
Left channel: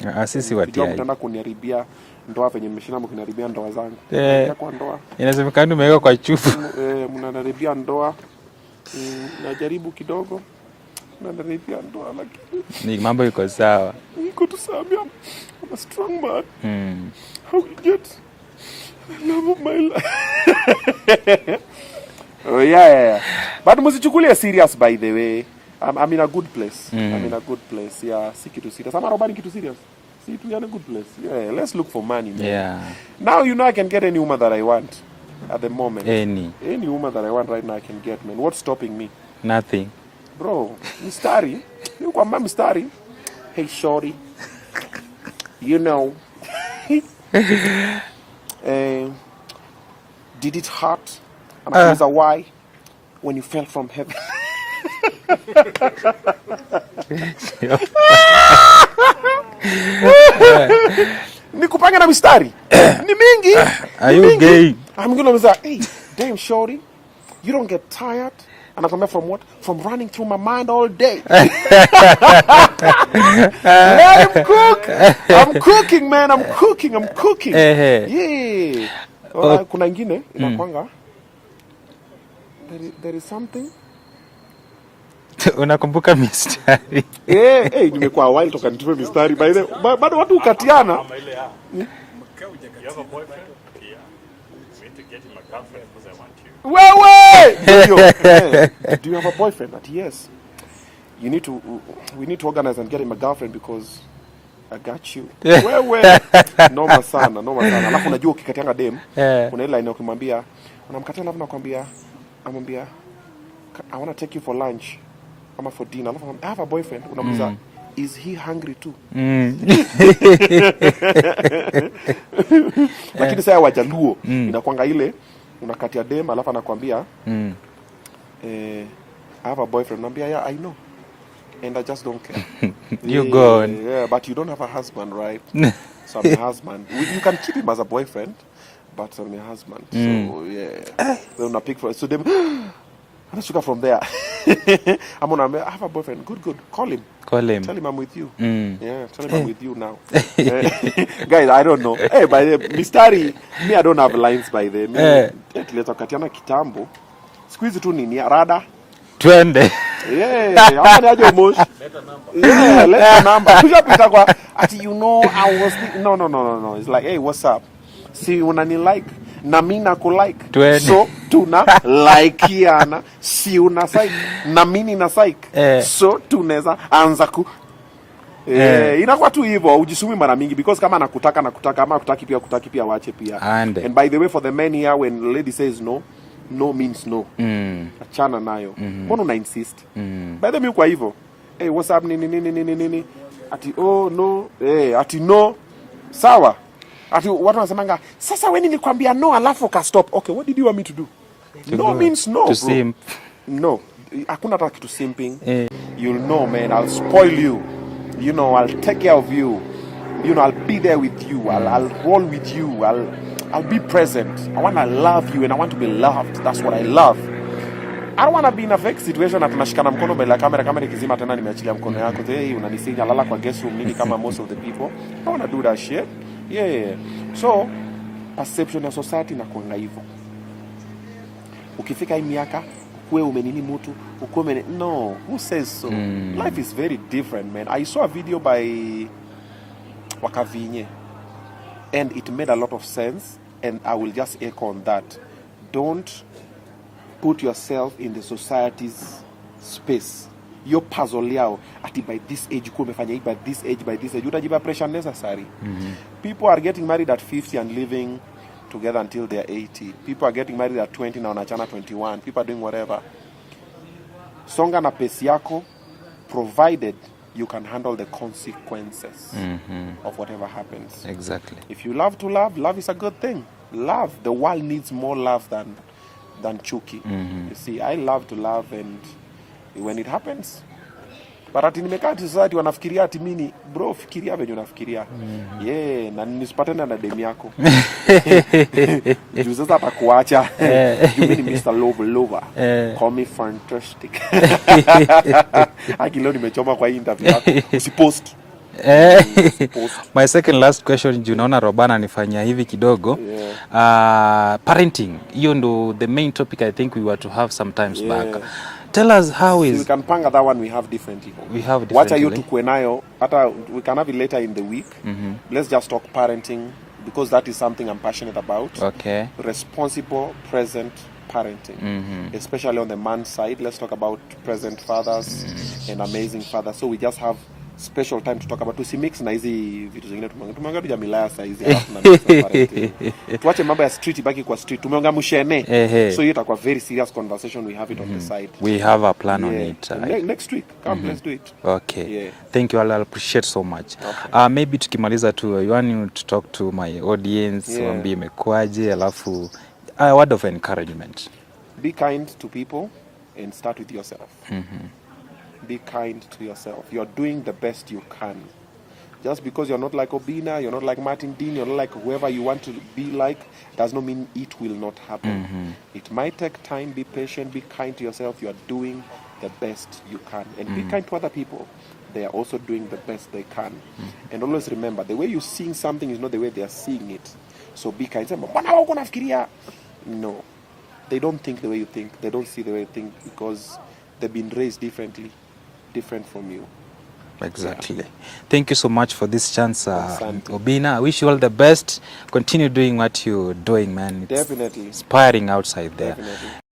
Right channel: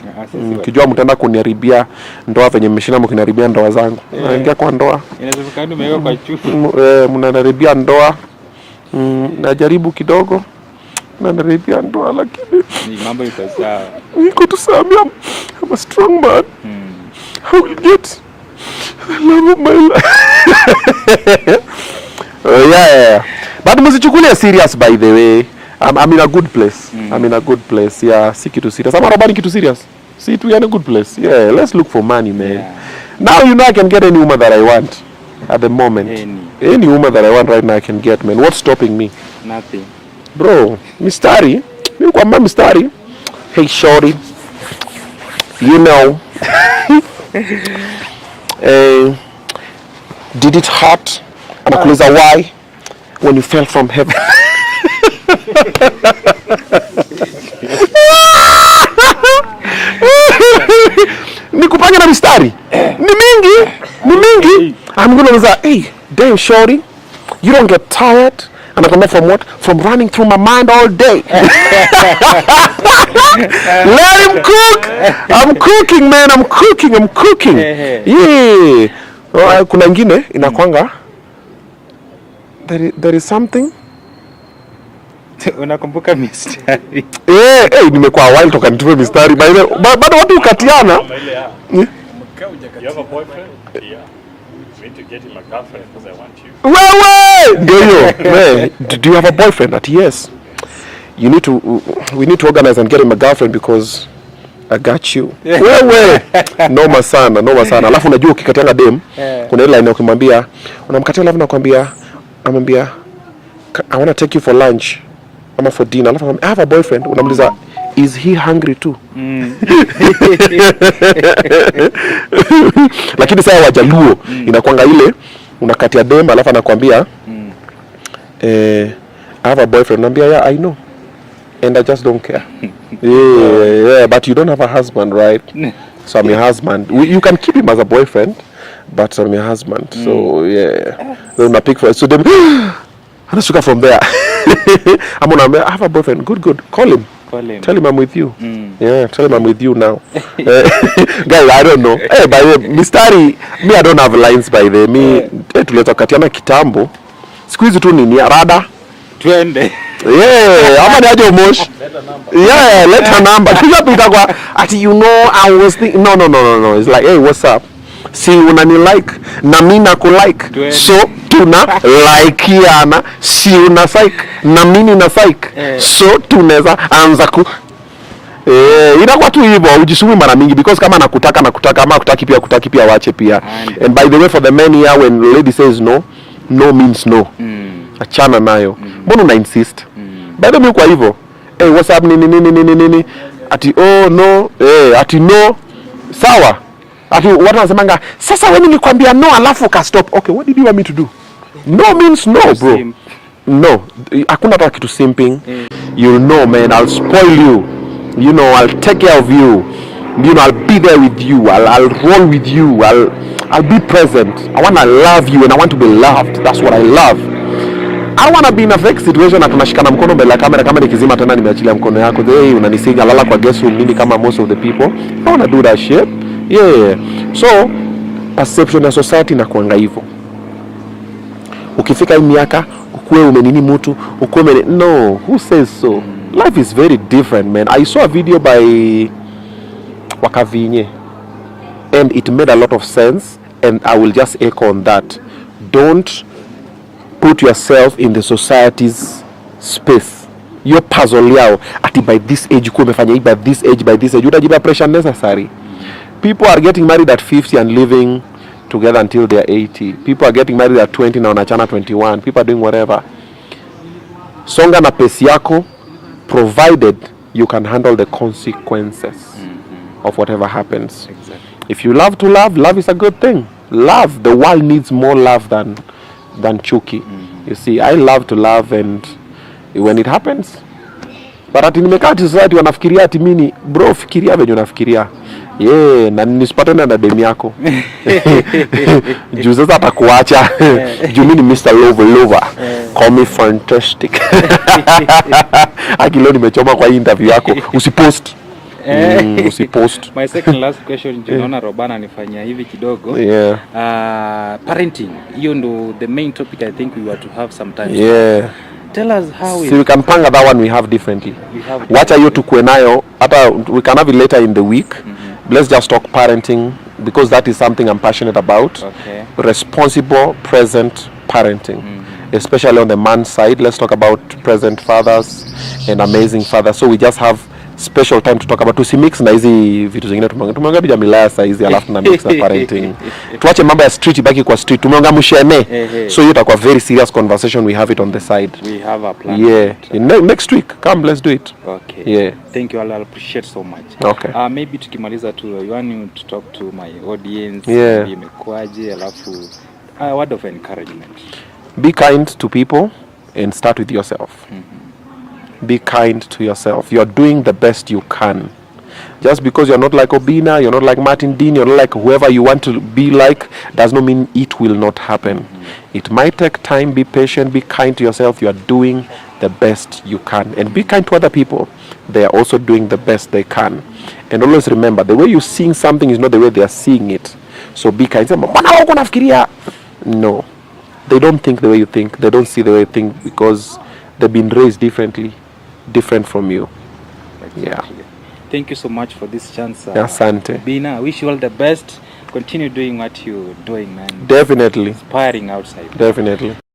Kijua mtaenda kuniharibia ndoa venye mmeshinda mkiniharibia ndoa zangu. Naingia kwa ndoa. Inasemekana umeweka kwa chufu. Mnaniharibia ndoa. Najaribu kidogo. Mnaniharibia ndoa lakini ni mambo iko sawa. Niko tu sawa. I'm a strong man. I will get the love of my life. Yeah. But msichukulia serious by the way. I'm in a good place. I'm in a good place. Yeah, si kitu serious. Ama robani kitu serious. See, we are in a good place. Yeah, let's look for money, man. Yeah. Now you know I can get any woman that I want at the moment. Any woman that I want right now I can get, man. What's stopping me? Nothing. Bro, mistari. Mimi kwa mistari. Hey, shorty. You know. Did it hurt? Anakuuliza why when you fell from heaven? Nikupanga na mistari. Ni mingi. I'm gonna say, hey, damn shorty, you don't get tired? Anakwambia from what? From running through my mind all day. Let him cook. I'm cooking, man. I'm cooking. Yeah. Kuna ingine inakwanga there is something. Unakumbuka mistari? Nimekuwa wild toka nitume mistari. Bado watu ukatiana. You have a boyfriend? Yeah. You need to get him a girlfriend because I want you. Do you have a boyfriend? That yes. We need to organize and get him a girlfriend because I got you. Noma sana. Alafu unajua ukikatiana dem, kuna ile line ukimwambia, unamkatia alafu anamwambia I want to take you for lunch. Ama for dinner. Alafu I have a boyfriend. Unamuuliza is he hungry too? Lakini sasa Wajaluo inakwanga ile unakatia dem alafu anakuambia I have a boyfriend. Unamwambia yeah, I know. And I just don't care. Yeah, but you don't have a husband, right? So I'm your husband. You can keep him as a boyfriend, but I'm your husband. So yeah. Then I pick for so them anashuka from there. I'm gonna have a boyfriend. Good. Call him. Tell him I'm with you. Yeah, tell him I'm with you now. Guys, I don't know. By the way, mistari, me I don't have lines by the me. Tuleta katiana kitambo. Siku hizi tu nini rada? Twende. Yeah, ama ni aje umosh? Yeah, let her number. Kila tutakwa ati you know I was thinking no. It's like, hey, what's up? Si unani like na mimi nakulike. So tuna likeana, si una like na mimi na like. So tunaweza anza ku inakuwa tu hivyo ujisumi mara mingi because kama nakutaka ama kutaki pia waache pia. And by the way, for the men here, when lady says no means no. Achana nayo. Mbona una insist? By the way, kwa hivyo what's up nini ati no ati no sawa. Ati watu wanasemanga sasa wewe nilikwambia no alafu ka stop. Okay, what did you want me to do? No means no, bro. No, hakuna hata kitu simping. You'll know, man, I'll spoil you. You know, I'll take care of you. You know, I'll be there with you. I'll roll with you. I'll be present. I want to love you and I want to be loved. That's what I love. I don't want to be in a fake situation na tunashikana mkono mbele ya kamera kama nikizima tena nimeachilia mkono yako. Hey, unanisiga lala kwa guest room nini kama most of the people. I don't want to do that shit. Yeah. So, perception ya society inakuanga hivyo. Ukifika hii miaka ukuwe umenini mtu, ukuwe no, who says so? Life is very different, man. I saw a video by Wakavinye and it made a lot of sense and I will just echo on that. Don't put yourself in the society's space. Your puzzle yao ati by this age ukuwe umefanya hii by this age utajipa pressure necessary. People are getting married at 50 and living together until they are 80. People are getting married at 20 na wanachana 21. People are doing whatever. Songa na pesi yako provided you can handle the consequences of whatever happens. Exactly. If you love to love, love is a good thing. Love, the world needs more love than chuki. You see, I love to love and when it happens. But ati nimekaa ati society wanafikiria ati mimi bro fikiria venye unafikiria. Yeah, na nisipatane na demu yako. Juu sasa atakuacha. Juu mimi ni Mr. Lover. Call me fantastic. Akilo nimechoma kwa interview yako. Usipost. Usipost. My second last question, naona Robana anifanyia hivi kidogo. Yeah. Parenting. Hiyo ndo the main topic I think we were to have sometimes. Yeah. Tell us how See, we can panga that one we have differently. Wacha hiyo tukue nayo, hata we can have it later in the week. Let's just talk parenting because that is something I'm passionate about. Okay. Responsible, present parenting. Especially on the man's side. Let's talk about present fathers and amazing fathers. So we just have special time to talk about tusimix na hizi vitu zingine tumeongea bija milaya saa hizi alafu na mix na parenting. Tuache mambo ya street ibaki kwa street. Tumeongea mshene. So hiyo itakuwa very serious conversation, we have it on the side. We have a plan. Yeah. Next week come let's do it. Okay. Yeah. Thank you. I'll appreciate so much. Okay. Maybe tukimaliza tu you want you to talk to my audience. Yeah. Maybe imekuaje alafu a word of encouragement. Be kind to people and start with yourself. Be kind to yourself. You're doing the best you can. Just because you're not like Obinna, you're not like Martin Dean, you're not like whoever you want to be like, does not mean it will not happen. It might take time. Be patient. Be kind to yourself. You are doing the best you can. And be kind to other people. They are also doing the best they can. And always remember, the way you're seeing something is not the way they are seeing it. So be kind. No. They don't think the way you think. They don't see the way you think because they've been raised differently. Different from you. Exactly. Yeah. Thank you so much for this chance. Asante. Obinna, I wish you all the best. Continue doing what you're doing, man. Definitely. Inspiring outside there. Definitely.